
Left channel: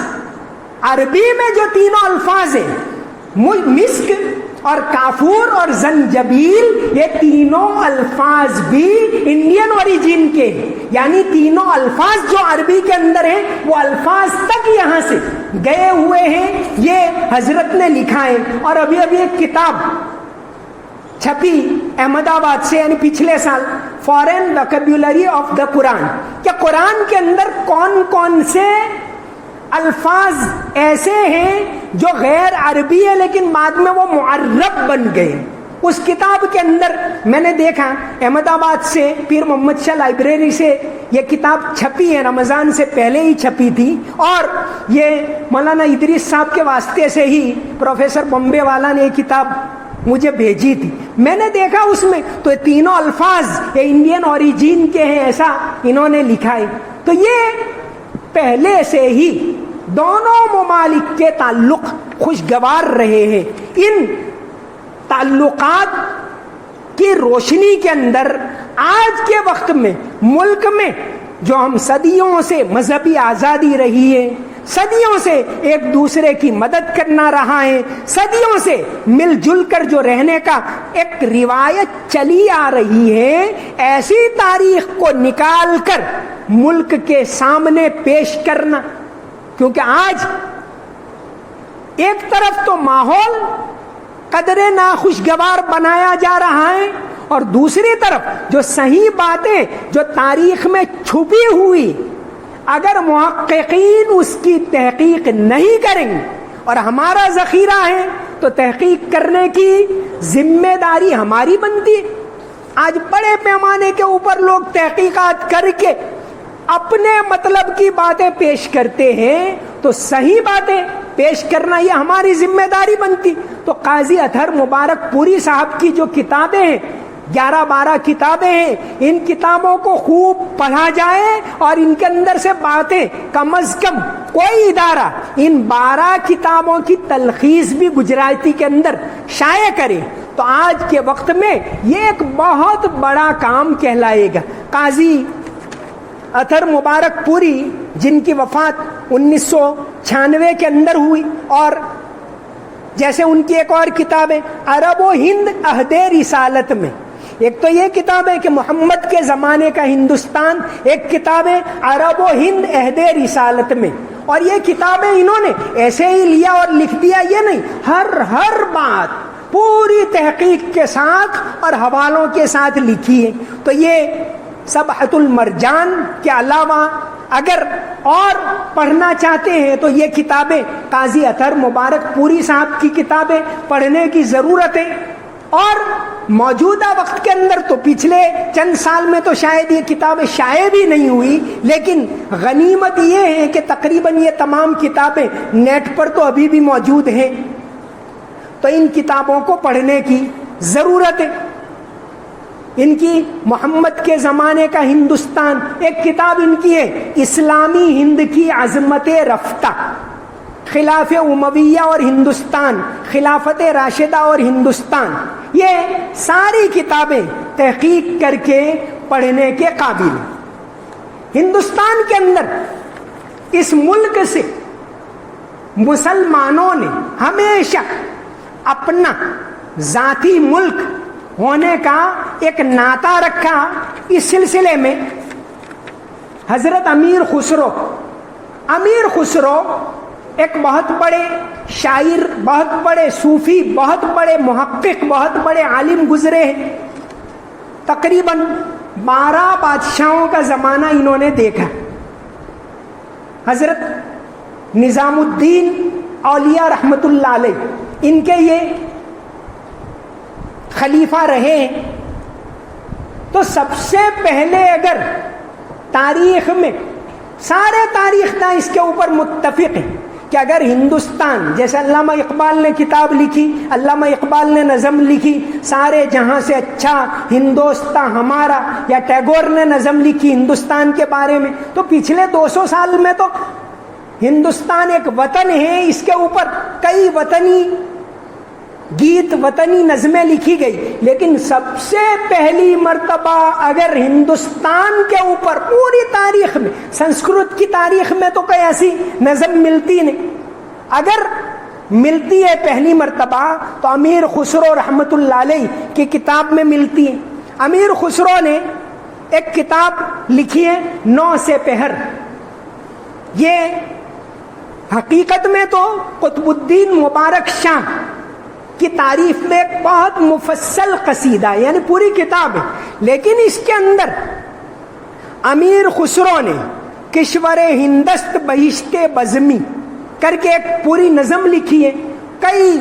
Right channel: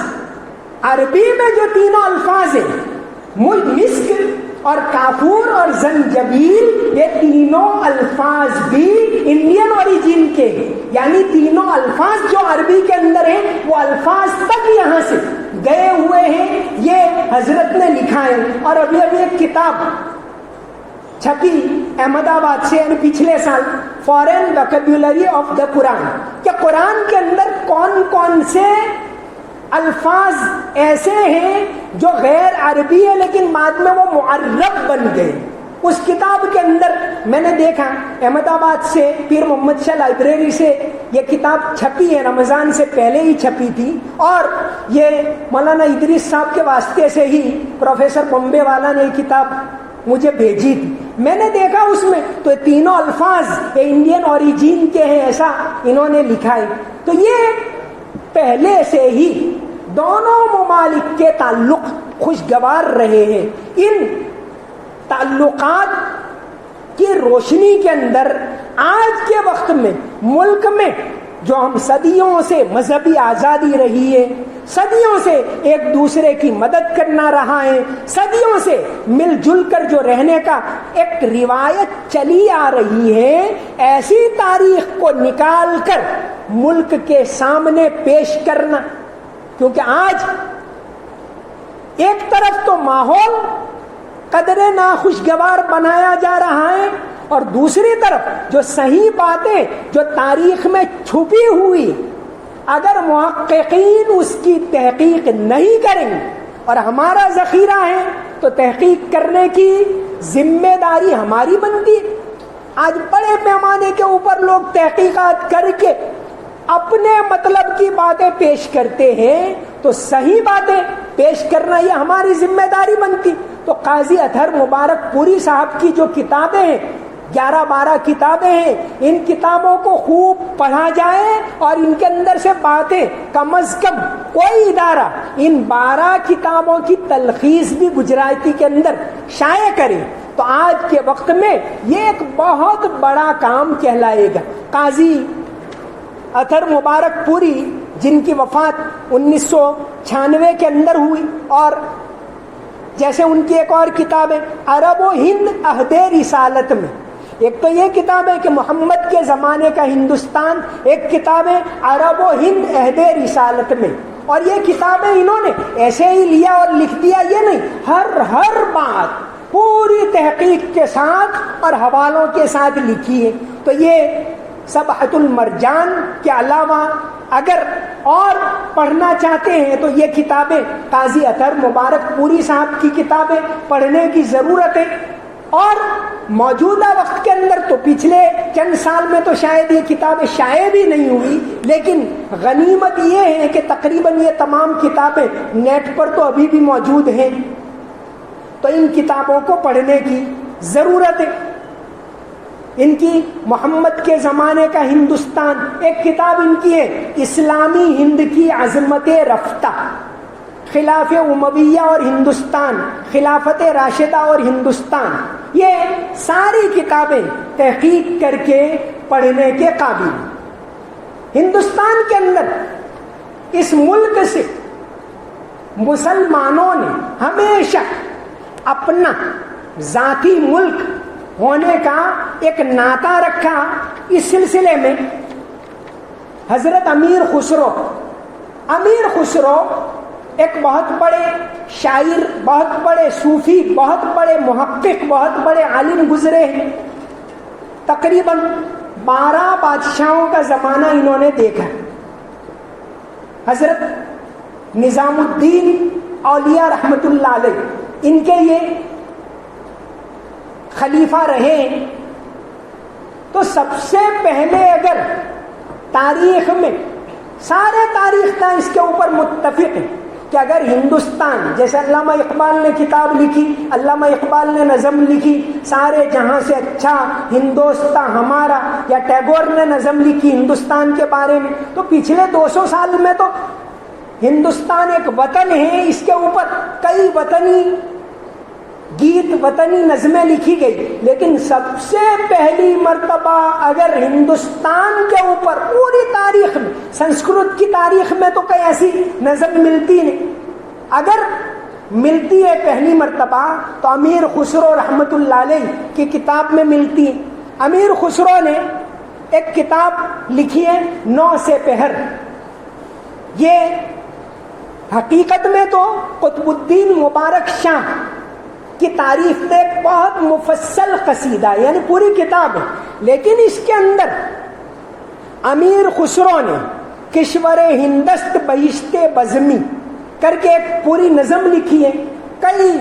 عربی میں جو تینوں الفاظ ہیں، مسک اور کافور اور زنجبیل، یہ تینوں الفاظ بھی انڈین اوریجن کے، یعنی تینوں الفاظ جو عربی کے اندر ہیں وہ الفاظ تک یہاں سے گئے ہوئے ہیں. یہ حضرت نے لکھا ہے. اور ابھی ایک کتاب چھپی احمد آباد سے، یعنی پچھلے سال، فارن ویکیبولری آف دا قرآن، کہ قرآن کے اندر کون کون سے الفاظ ایسے ہیں جو غیر عربی ہے لیکن بعد میں وہ معرب بن گئے. اس کتاب کے اندر میں نے دیکھا احمد آباد سے پیر محمد شاہ لائبریری سے یہ کتاب چھپی ہے، رمضان سے پہلے ہی چھپی تھی، اور یہ مولانا ادریس صاحب کے واسطے سے ہی پروفیسر بمبے والا نے یہ کتاب مجھے بھیجی تھی. میں نے دیکھا اس میں تو تینوں الفاظ انڈین اوریجن کے ہیں ایسا انہوں نے لکھا ہے. تو یہ پہلے سے ہی دونوں ممالک کے تعلق خوشگوار رہے ہیں. ان تعلقات کی روشنی کے اندر آج کے وقت میں ملک میں جو ہم صدیوں سے مذہبی آزادی رہی ہے, صدیوں سے ایک دوسرے کی مدد کرنا رہا ہے, صدیوں سے مل جل کر جو رہنے کا ایک روایت چلی آ رہی ہے, ایسی تاریخ کو نکال کر ملک کے سامنے پیش کرنا. کیونکہ آج ایک طرف تو ماحول قدرے ناخوشگوار بنایا جا رہا ہے, اور دوسری طرف جو صحیح باتیں جو تاریخ میں چھپی ہوئی, اگر محققین اس کی تحقیق نہیں کریں گے, اور ہمارا ذخیرہ ہے تو تحقیق کرنے کی ذمہ داری ہماری بنتی ہے. آج بڑے پیمانے کے اوپر لوگ تحقیقات کر کے اپنے مطلب کی باتیں پیش کرتے ہیں, تو صحیح باتیں پیش کرنا یہ ہماری ذمہ داری بنتی. تو قاضی اطہر مبارک پوری صاحب کی جو کتابیں ہیں, 11-12 کتابیں ہیں, ان کتابوں کو خوب پڑھا جائے اور ان کے اندر سے باتیں کم از کم کوئی ادارہ ان 12 کتابوں کی تلخیص بھی گجراتی کے اندر شائع کرے, تو آج کے وقت میں یہ ایک بہت بڑا کام کہلائے گا. قاضی اطہر مبارک پوری جن کی وفات 1996 کے اندر ہوئی, اور جیسے ان کی ایک اور کتاب ہے عرب و ہند عہد رسالت میں, ایک تو یہ کتاب ہے کہ محمد کے زمانے کا ہندوستان, ایک کتاب ہے عرب و ہند عہد رسالت میں. اور یہ کتابیں انہوں نے ایسے ہی لیا اور لکھ دیا, یہ نہیں, ہر بات پوری تحقیق کے ساتھ اور حوالوں کے ساتھ لکھی ہے. تو یہ سبحۃ المرجان کے علاوہ اگر اور پڑھنا چاہتے ہیں تو یہ کتابیں قاضی اطہر مبارک پوری صاحب کی کتابیں پڑھنے کی ضرورت ہے. اور موجودہ وقت کے اندر تو پچھلے چند سال میں تو شاید یہ کتابیں شائع بھی نہیں ہوئی, لیکن غنیمت یہ ہے کہ تقریباً یہ تمام کتابیں نیٹ پر تو ابھی بھی موجود ہیں. تو ان کتابوں کو پڑھنے کی ضرورت ہے. ان کی محمد کے زمانے کا ہندوستان ایک کتاب ان کی ہے, اسلامی ہند کی عظمت رفتہ, خلاف امویہ اور ہندوستان, خلافت راشدہ اور ہندوستان. یہ ساری کتابیں تحقیق کر کے پڑھنے کے قابل. ہندوستان کے اندر اس ملک سے مسلمانوں نے ہمیشہ اپنا ذاتی ملک ہونے کا ایک ناطہ رکھا. اس سلسلے میں حضرت امیر خسرو ایک بہت بڑے شاعر, بہت بڑے صوفی, بہت بڑے محقق, بہت بڑے عالم گزرے ہیں. تقریباً 12 بادشاہوں کا زمانہ انہوں نے دیکھا. حضرت نظام الدین اولیاء رحمت اللہ علیہ ان کے یہ خلیفہ رہے. تو سب سے پہلے اگر تاریخ میں سارے تاریخ داں اس کے اوپر متفق ہیں کہ اگر ہندوستان, جیسے علامہ اقبال نے کتاب لکھی, علامہ اقبال نے نظم لکھی سارے جہاں سے اچھا ہندوستان ہمارا, یا ٹیگور نے نظم لکھی ہندوستان کے بارے میں, تو پچھلے 200 سال میں تو ہندوستان ایک وطن ہے, اس کے اوپر کئی وطنی گیت, وطنی نظمیں لکھی گئی. لیکن سب سے پہلی مرتبہ اگر ہندوستان کے اوپر پوری تاریخ میں, سنسکرت کی تاریخ میں تو کوئی ایسی نظم ملتی نہیں, اگر ملتی ہے پہلی مرتبہ تو امیر خسرو رحمت اللہ علیہ کی کتاب میں ملتی ہے. امیر خسرو نے ایک کتاب لکھی ہے 9 سے پہر. یہ حقیقت میں تو قطب الدین مبارک شاہ کی تعریف میں ایک بہت مفصل قصیدہ ہے, یعنی پوری کتاب ہے, لیکن اس کے اندر امیر خسرو نے کشور ہندست بہشت بزمی کر کے ایک پوری نظم لکھی ہے, کئی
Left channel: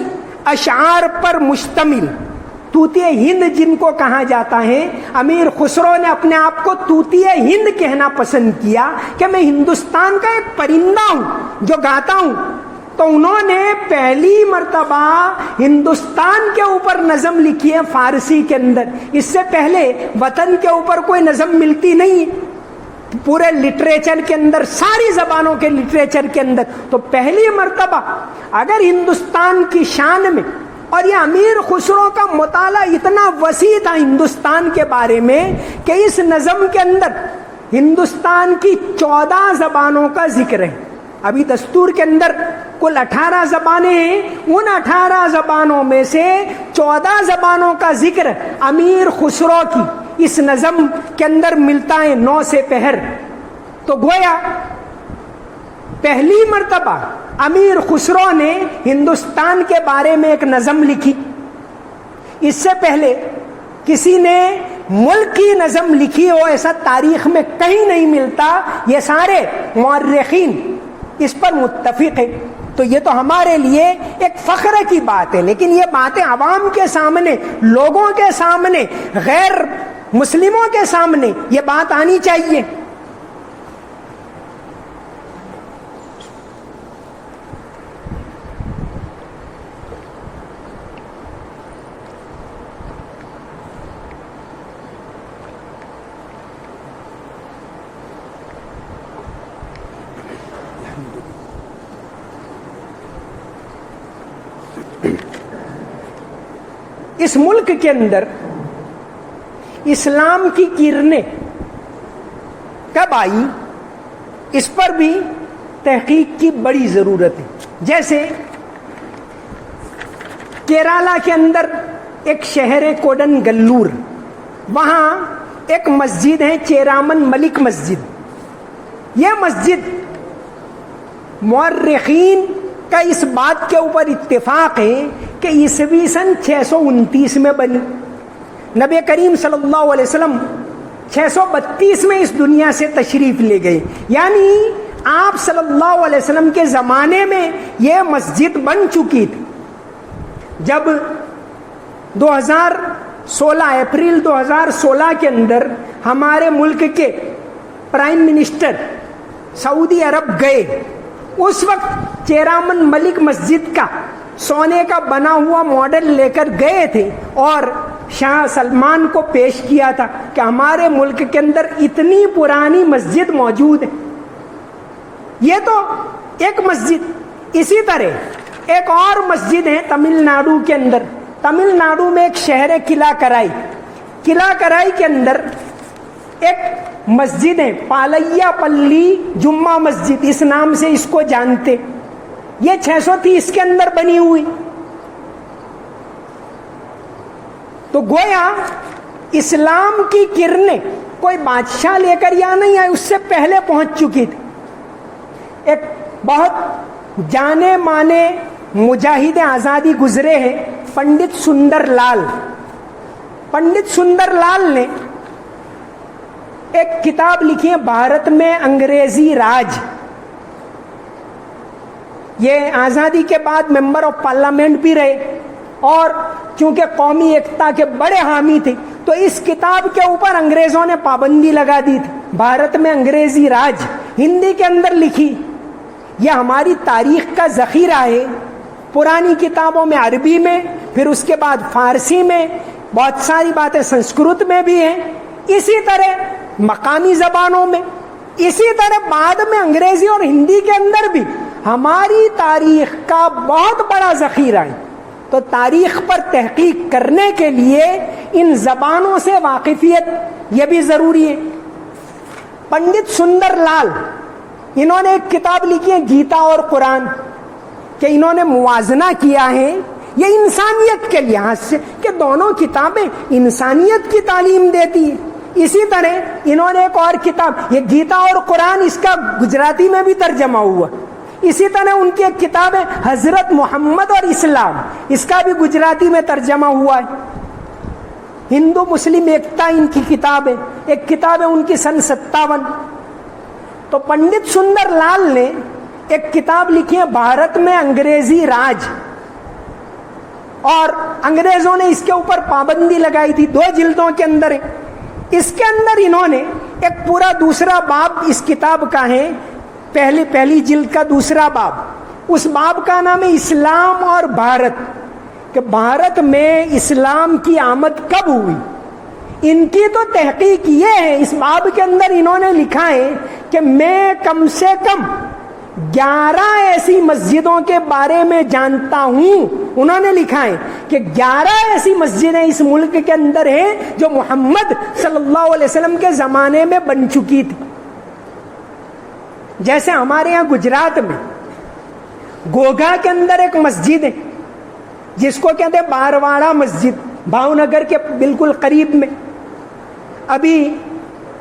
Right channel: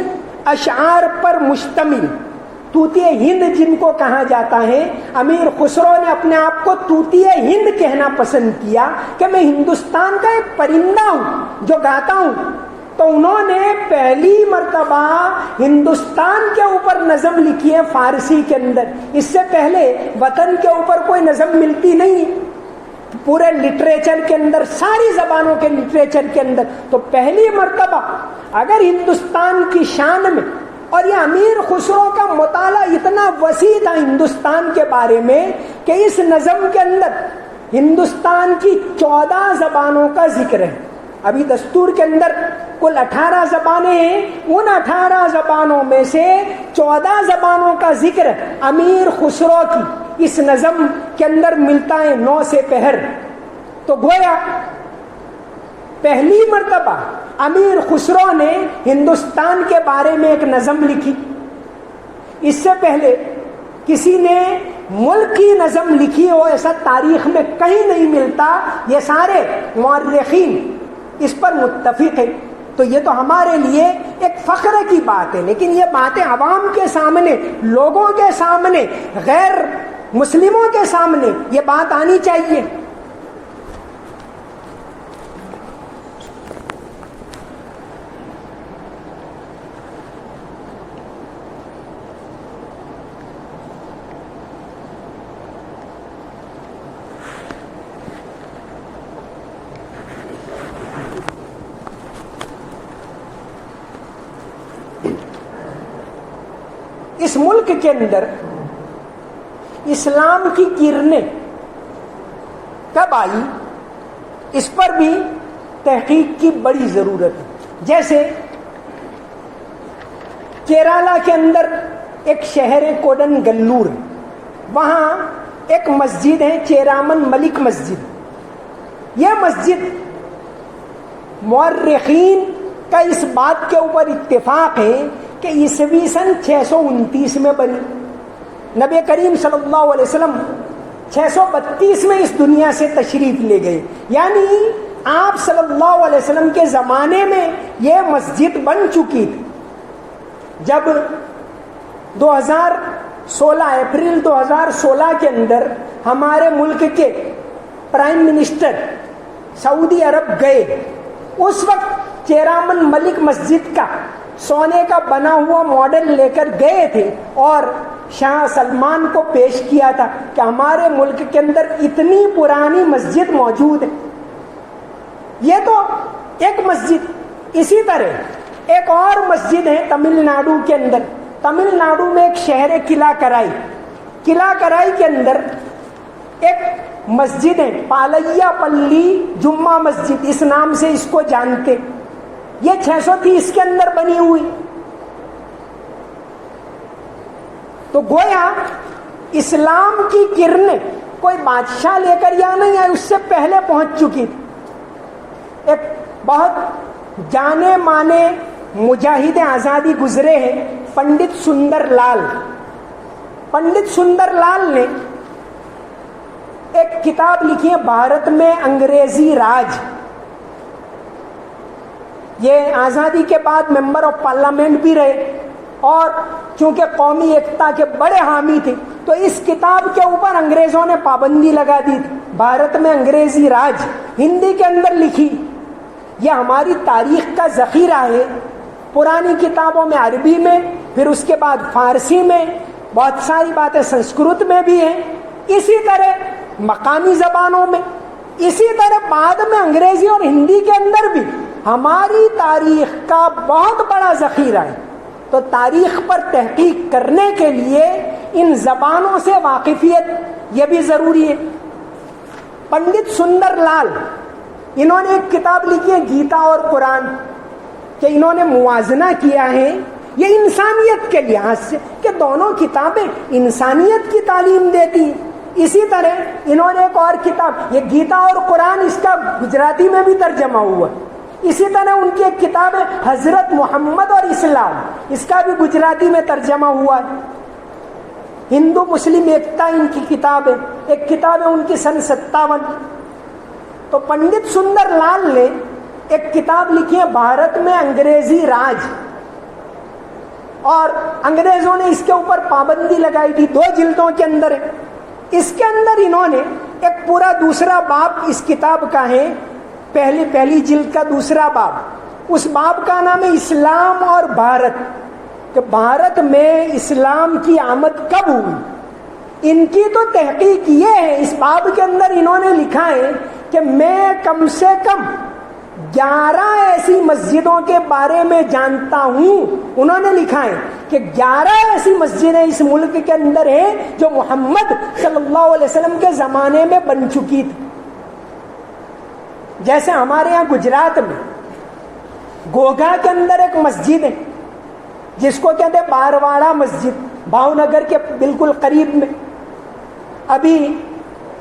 اشعار پر مشتمل. طوطی ہند جن کو کہا جاتا ہے, امیر خسرو نے اپنے آپ کو طوطی ہند کہنا پسند کیا کہ میں ہندوستان کا ایک پرندہ ہوں جو گاتا ہوں. تو انہوں نے پہلی مرتبہ ہندوستان کے اوپر نظم لکھی ہے فارسی کے اندر. اس سے پہلے وطن کے اوپر کوئی نظم ملتی نہیں پورے لٹریچر کے اندر, ساری زبانوں کے لٹریچر کے اندر. تو پہلی مرتبہ اگر ہندوستان کی شان میں, اور یہ امیر خسرو کا مطالعہ اتنا وسیع تھا ہندوستان کے بارے میں کہ اس نظم کے اندر ہندوستان کی 14 زبانوں کا ذکر ہے. ابھی دستور کے اندر کل 18 زبانیں ہیں, ان 18 زبانوں میں سے 14 زبانوں کا ذکر امیر خسرو کی اس نظم کے اندر ملتا ہے 9 سے پہر. تو گویا پہلی مرتبہ امیر خسرو نے ہندوستان کے بارے میں ایک نظم لکھی. اس سے پہلے کسی نے ملک کی نظم لکھی ہو ایسا تاریخ میں کہیں نہیں ملتا. یہ سارے مورخین اس پر متفق ہیں. تو یہ تو ہمارے لیے ایک فخر کی بات ہے, لیکن یہ باتیں عوام کے سامنے, لوگوں کے سامنے, غیر مسلموں کے سامنے یہ بات آنی چاہیے. اس ملک کے اندر اسلام کی کرنیں کب آئی, اس پر بھی تحقیق کی بڑی ضرورت ہے. جیسے کیرالہ کے اندر ایک شہر ہے کوڈن گلور, وہاں ایک مسجد ہے چیرامن ملک مسجد. یہ مسجد مورخین کا اس بات کے اوپر اتفاق ہے کہ عیسوی سن 629 میں بنی. نبی کریم صلی اللہ علیہ وسلم 632 میں اس دنیا سے تشریف لے گئے, یعنی آپ صلی اللہ علیہ وسلم کے زمانے میں یہ مسجد بن چکی تھی. جب 2016 اپریل 2016 کے اندر ہمارے ملک کے پرائم منسٹر سعودی عرب گئے, اس وقت چیرامن ملک مسجد کا سونے کا بنا ہوا ماڈل لے کر گئے تھے اور شاہ سلمان کو پیش کیا تھا کہ ہمارے ملک کے اندر اتنی پرانی مسجد موجود ہے. یہ تو ایک مسجد. اسی طرح ایک اور مسجد ہے تمل ناڈو کے اندر. تمل ناڈو میں ایک شہر ہے قلعہ کرائی. قلعہ کرائی کے اندر ایک مسجد ہے پالیا پلی جمعہ مسجد, اس نام سے اس کو جانتے. یہ 630 کے اندر بنی ہوئی. تو گویا اسلام کی کرنیں کوئی بادشاہ لے کر یا نہیں آئی, اس سے پہلے پہنچ چکی تھی. ایک بہت جانے مانے مجاہد آزادی گزرے ہیں پنڈت سندر لال. پنڈت سندر لال نے ایک کتاب لکھی ہے بھارت میں انگریزی راج. یہ آزادی کے بعد ممبر آف پارلیمنٹ بھی رہے اور چونکہ قومی ایکتا کے بڑے حامی تھے تو اس کتاب کے اوپر انگریزوں نے پابندی لگا دی تھی. بھارت میں انگریزی راج ہندی کے اندر لکھی. یہ ہماری تاریخ کا ذخیرہ ہے. پرانی کتابوں میں عربی میں, پھر اس کے بعد فارسی میں, بہت ساری باتیں سنسکرت میں بھی ہیں, اسی طرح مقامی زبانوں میں, اسی طرح بعد میں انگریزی اور ہندی کے اندر بھی ہماری تاریخ کا بہت بڑا ذخیرہ ہے. تو تاریخ پر تحقیق کرنے کے لیے ان زبانوں سے واقفیت یہ بھی ضروری ہے. پنڈت سندر لال انہوں نے ایک کتاب لکھی ہے گیتا اور قرآن, کہ انہوں نے موازنہ کیا ہے یہ انسانیت کے لحاظ سے کہ دونوں کتابیں انسانیت کی تعلیم دیتی ہیں. اسی طرح انہوں نے ایک اور کتاب یہ گیتا اور قرآن, اس کا گجراتی میں بھی ترجمہ ہوا. اسی طرح ان کی ایک کتاب ہے حضرت محمد اور اسلام, اس کا بھی گجراتی میں ترجمہ ہوا ہے. ہندو مسلم ایکتا ان کی کتاب ہے, ایک کتاب ہے ان کی سن 57. تو پنڈت سندر لال نے ایک کتاب لکھی ہے بھارت میں انگریزی راج, اور انگریزوں نے اس کے اوپر پابندی لگائی تھی. 2 جلدوں کے اندر ہے. اس کے اندر انہوں نے ایک پورا دوسرا باب اس کتاب کا ہے, پہلی جلد کا دوسرا باب, اس باب کا نام ہے اسلام اور بھارت، کہ بھارت میں اسلام کی آمد کب ہوئی۔ ان کی تو تحقیق یہ ہے، اس باب کے اندر انہوں نے لکھا ہے کہ میں کم سے کم 11 ایسی مسجدوں کے بارے میں جانتا ہوں۔ انہوں نے لکھا ہے کہ 11 ایسی مسجدیں اس ملک کے اندر ہیں جو محمد صلی اللہ علیہ وسلم کے زمانے میں بن چکی تھی۔ جیسے ہمارے یہاں گجرات میں گوگا کے اندر ایک مسجد ہے جس کو کہتے ہیں بارواڑا مسجد، بھاؤنگر کے بالکل قریب میں۔ ابھی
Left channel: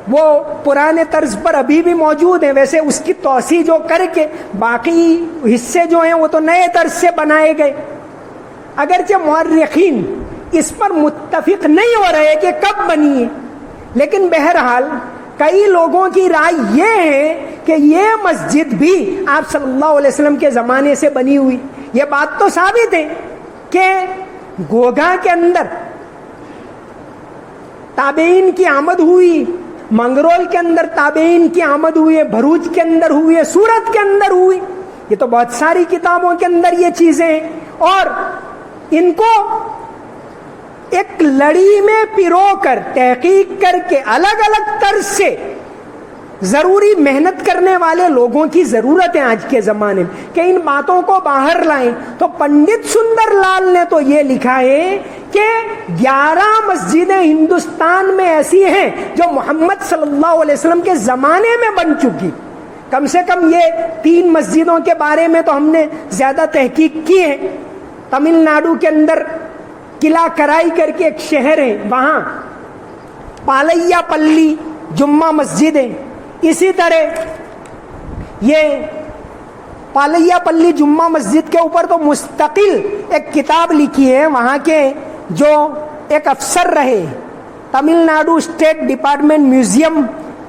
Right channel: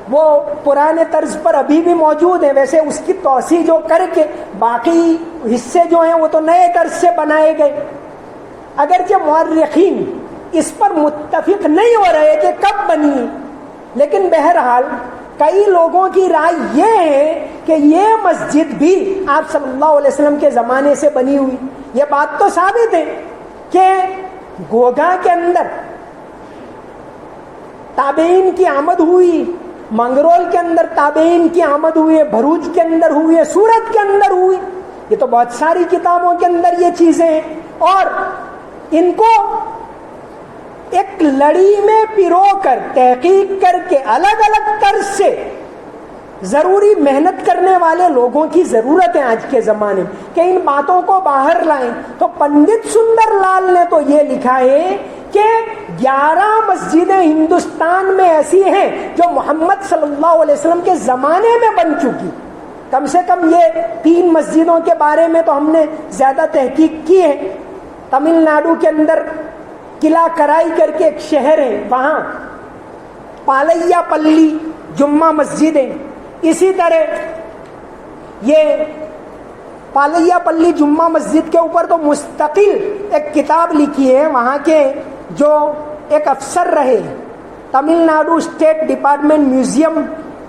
وہ پرانے طرز پر ابھی بھی موجود ہے، ویسے اس کی توسیع جو کر کے باقی حصے جو ہیں وہ تو نئے طرز سے بنائے گئے۔ اگرچہ مورخین اس پر متفق نہیں ہو رہے کہ کب بنی ہے، لیکن بہرحال کئی لوگوں کی رائے یہ ہے کہ یہ مسجد بھی آپ صلی اللہ علیہ وسلم کے زمانے سے بنی ہوئی۔ یہ بات تو ثابت ہے کہ گوگا کے اندر تابعین کی آمد ہوئی، منگرول کے اندر تابعین کی آمد ہوئی، بھروچ کے اندر ہوئی، سورت کے اندر ہوئی۔ یہ تو بہت ساری کتابوں کے اندر یہ چیزیں ہیں، اور ان کو ایک لڑی میں پرو کر تحقیق کر کے الگ الگ طرز سے ضروری محنت کرنے والے لوگوں کی ضرورت ہے آج کے زمانے میں کہ ان باتوں کو باہر لائیں۔ تو پنڈت سندر لال نے تو یہ لکھا ہے کہ 11 مسجدیں ہندوستان میں ایسی ہیں جو محمد صلی اللہ علیہ وسلم کے زمانے میں بن چکی۔ کم سے کم یہ 3 مسجدوں کے بارے میں تو ہم نے زیادہ تحقیق کی ہے۔ تمل ناڈو کے اندر قلعہ کرائی کر کے ایک شہر ہے، وہاں پالیا پلی جمعہ مسجد ہے۔ اسی طرح یہ پالیا پلی جمعہ مسجد کے اوپر تو مستقل ایک کتاب لکھی ہے وہاں کے جو ایک افسر رہے، Tamil Nadu state department museum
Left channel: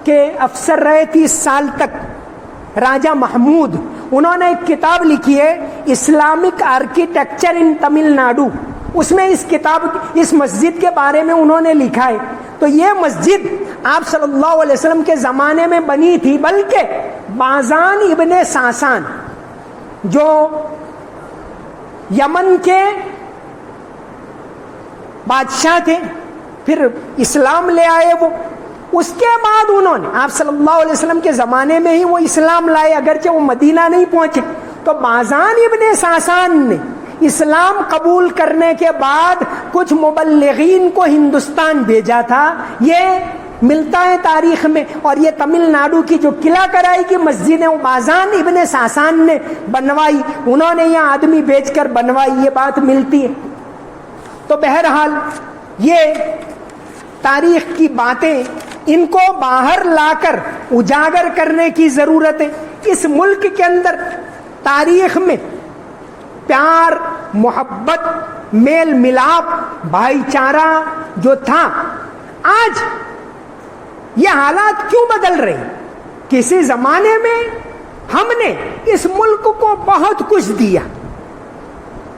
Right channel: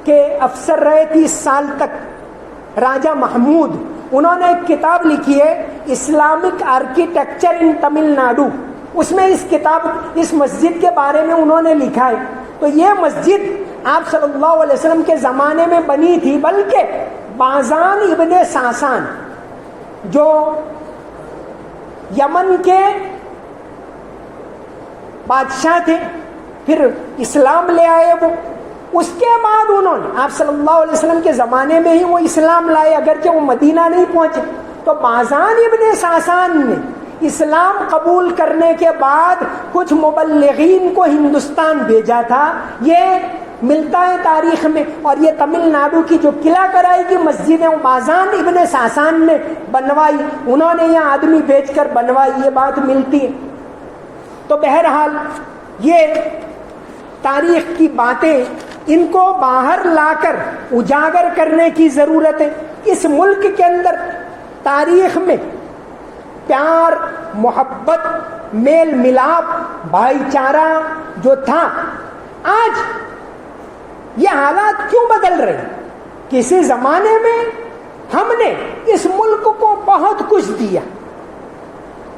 کے افسر رہے 30 سال تک، راجہ محمود، انہوں نے ایک کتاب لکھی ہے Islamic architecture in Tamil Nadu. اس میں اس مسجد کے بارے میں انہوں نے لکھا ہے۔ تو یہ مسجد آپ صلی اللہ علیہ وسلم کے زمانے میں بنی تھی، بلکہ بازان ابن ساسان جو یمن کے بادشاہ تھے، پھر اسلام لے آئے وہ، اس کے بعد انہوں نے آپ صلی اللہ علیہ وسلم کے زمانے میں ہی وہ اسلام لائے، اگرچہ وہ مدینہ نہیں پہنچے۔ تو بازان ابن ساسان نے اسلام قبول کرنے کے بعد کچھ مبلغین کو ہندوستان بھیجا تھا، یہ ملتا ہے تاریخ میں۔ اور یہ تمل ناڈو کی جو قلعہ کرائی کی مسجد ہے وہ بازان ابن ساسان نے بنوائی، انہوں نے یہ آدمی بھیج کر بنوائی، یہ بات ملتی ہے۔ تو بہرحال یہ تاریخ کی باتیں ان کو باہر لا کر اجاگر کرنے کی ضرورت ہے۔ اس ملک کے اندر تاریخ میں پیار، محبت، میل ملاپ، بھائی چارہ جو تھا، آج یہ حالات کیوں بدل رہے؟ کسی زمانے میں ہم نے اس ملک کو بہت کچھ دیا،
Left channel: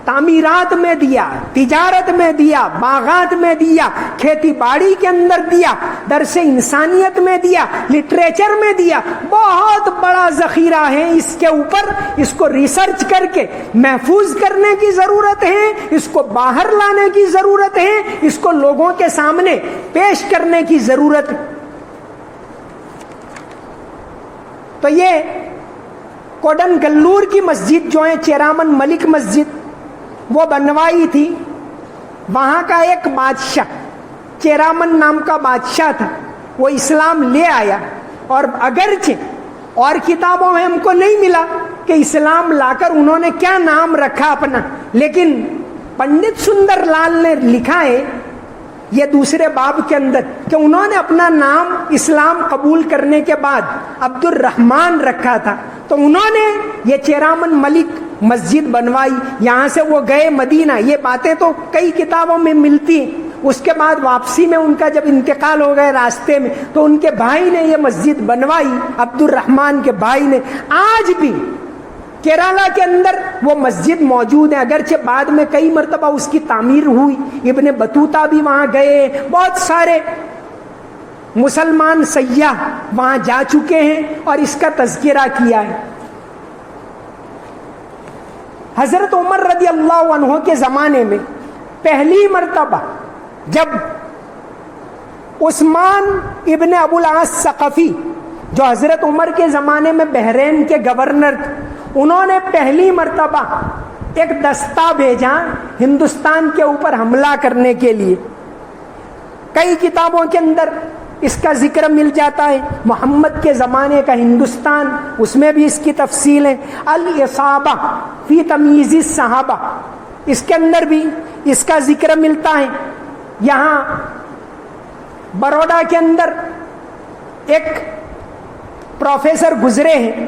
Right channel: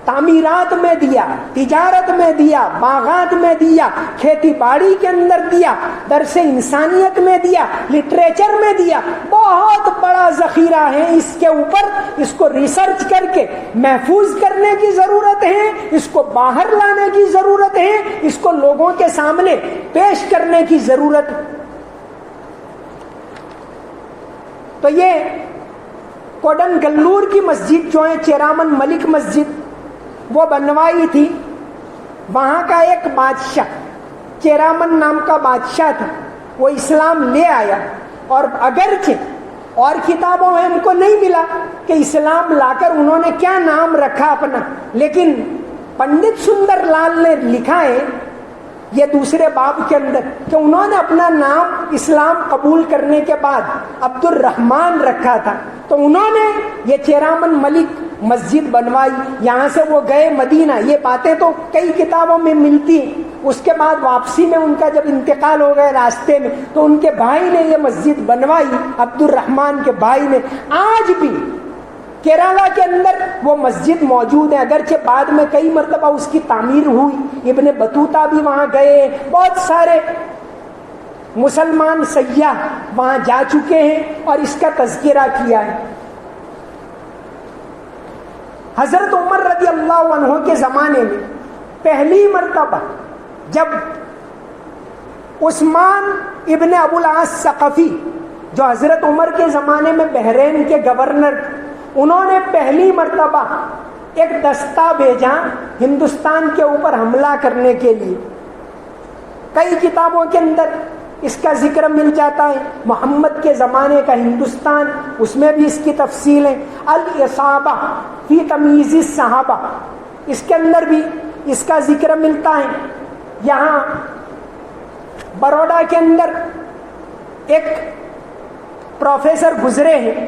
تعمیرات میں دیا، تجارت میں دیا، باغات میں دیا، کھیتی باڑی کے اندر دیا، درس انسانیت میں دیا، لٹریچر میں دیا، بہت بڑا ذخیرہ ہے۔ اس کے اوپر اس کو ریسرچ کر کے محفوظ کرنے کی ضرورت ہے، اس کو باہر لانے کی ضرورت ہے، اس کو لوگوں کے سامنے پیش کرنے کی ضرورت ہے۔ تو یہ کوڈن گلور کی مسجد جو ہے چیرامن ملک مسجد وہ بنوائی تھی، وہاں کا ایک بادشاہ چیرامن نام کا بادشاہ تھا، وہ اسلام لے آیا، اور اگرچہ اور کتابوں میں ہم کو نہیں ملا کہ اسلام لا کر انہوں نے کیا نام رکھا اپنا، لیکن پنڈت سندر لال نے لکھا ہے یہ دوسرے باب کے اندر کہ انہوں نے اپنا نام اسلام قبول کرنے کے بعد عبد الرحمن رکھا تھا۔ تو انہوں نے یہ چیرامن ملک مسجد بنوائی، یہاں سے وہ گئے مدینہ، یہ باتیں تو کئی کتابوں میں ملتی ہیں۔ اس کے بعد واپسی میں ان کا جب انتقال ہو گئے راستے میں، تو ان کے بھائی نے یہ مسجد بنوائی، عبد الرحمن کے بھائی نے۔ آج بھی کیرالہ کے اندر وہ مسجد موجود ہے، اگرچہ بعد میں کئی مرتبہ اس کی تعمیر ہوئی، ابن بطوطہ بھی وہاں گئے، بہت سارے مسلمان سیاح وہاں جا چکے ہیں اور اس کا تذکرہ کیا ہے۔ حضرت عمر رضی اللہ عنہ کے زمانے میں پہلی مرتبہ جب عثمان ابن ابو العاص ثقفی جو حضرت عمر کے زمانے میں بحرین کے گورنر تھے، انہوں نے پہلی مرتبہ ایک دستہ بھیجا ہندوستان کے اوپر حملہ کرنے کے لیے. کئی کتابوں کے اندر اس کا ذکر مل جاتا ہے. محمد کے زمانے کا ہندوستان، اس میں بھی اس کی تفصیل ہے. الاصابہ فی تمییز الصحابہ، اس کے اندر بھی اس کا ذکر ملتا ہے. یہاں بروڈا کے اندر ایک پروفیسر گزرے ہیں،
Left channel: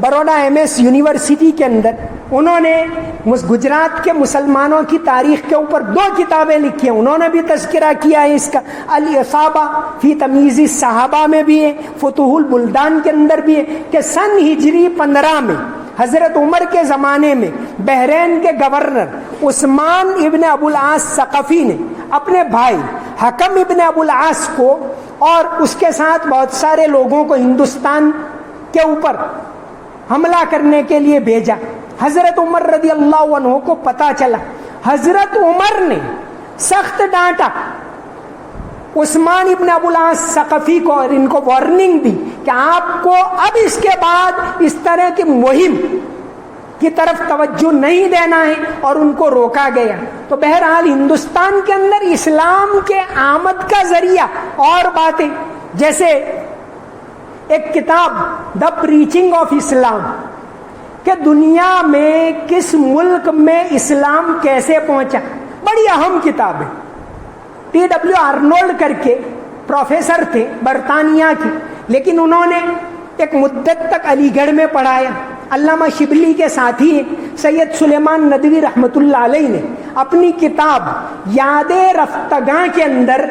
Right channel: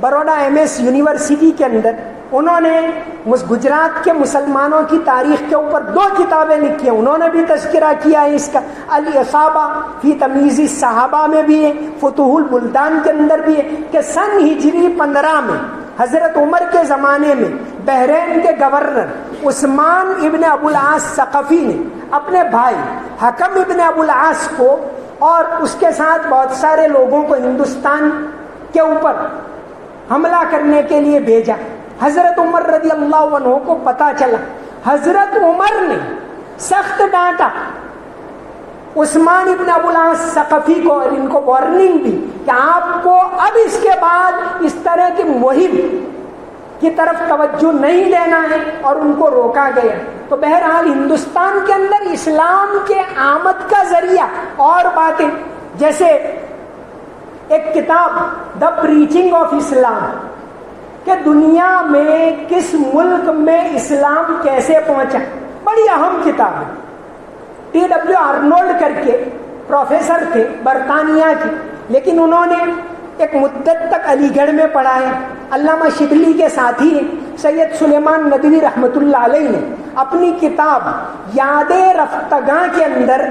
بروڈا MS یونیورسٹی کے اندر، انہوں نے گجرات کے مسلمانوں کی تاریخ کے اوپر 2 کتابیں لکھی ہیں. انہوں نے بھی تذکرہ کیا ہے اس کا. الاصابہ فی تمییز الصحابہ میں بھی ہے، فتوح البلدان کے اندر بھی ہے کہ سن ہجری 15 میں حضرت عمر کے زمانے میں بحرین کے گورنر عثمان ابن ابو العاص ثقفی نے اپنے بھائی حکم ابن ابو العاص کو اور اس کے ساتھ بہت سارے لوگوں کو ہندوستان کے اوپر حملہ کرنے کے لیے بھیجا. حضرت عمر رضی اللہ عنہ کو پتا چلا. حضرت عمر نے سخت ڈانٹا عثمان ابن ابو العاص ثقفی کو اور ان کو وارننگ دی کہ آپ کو اب اس کے بعد اس طرح کی مہم کی طرف توجہ نہیں دینا ہے، اور ان کو روکا گیا. تو بہرحال ہندوستان کے اندر اسلام کے آمد کا ذریعہ اور باتیں، جیسے ایک کتاب دا پریچنگ آف اسلام کہ دنیا میں کس ملک میں اسلام کیسے پہنچا، بڑی اہم کتاب ہے. T.W. آرنولڈ کر کے پروفیسر تھے برطانیہ کے، لیکن انہوں نے ایک مدت تک علی گڑھ میں پڑھایا. علامہ شبلی کے ساتھی سید سلیمان ندوی رحمۃ اللہ علیہ نے اپنی کتاب یاد رفتگاں کے اندر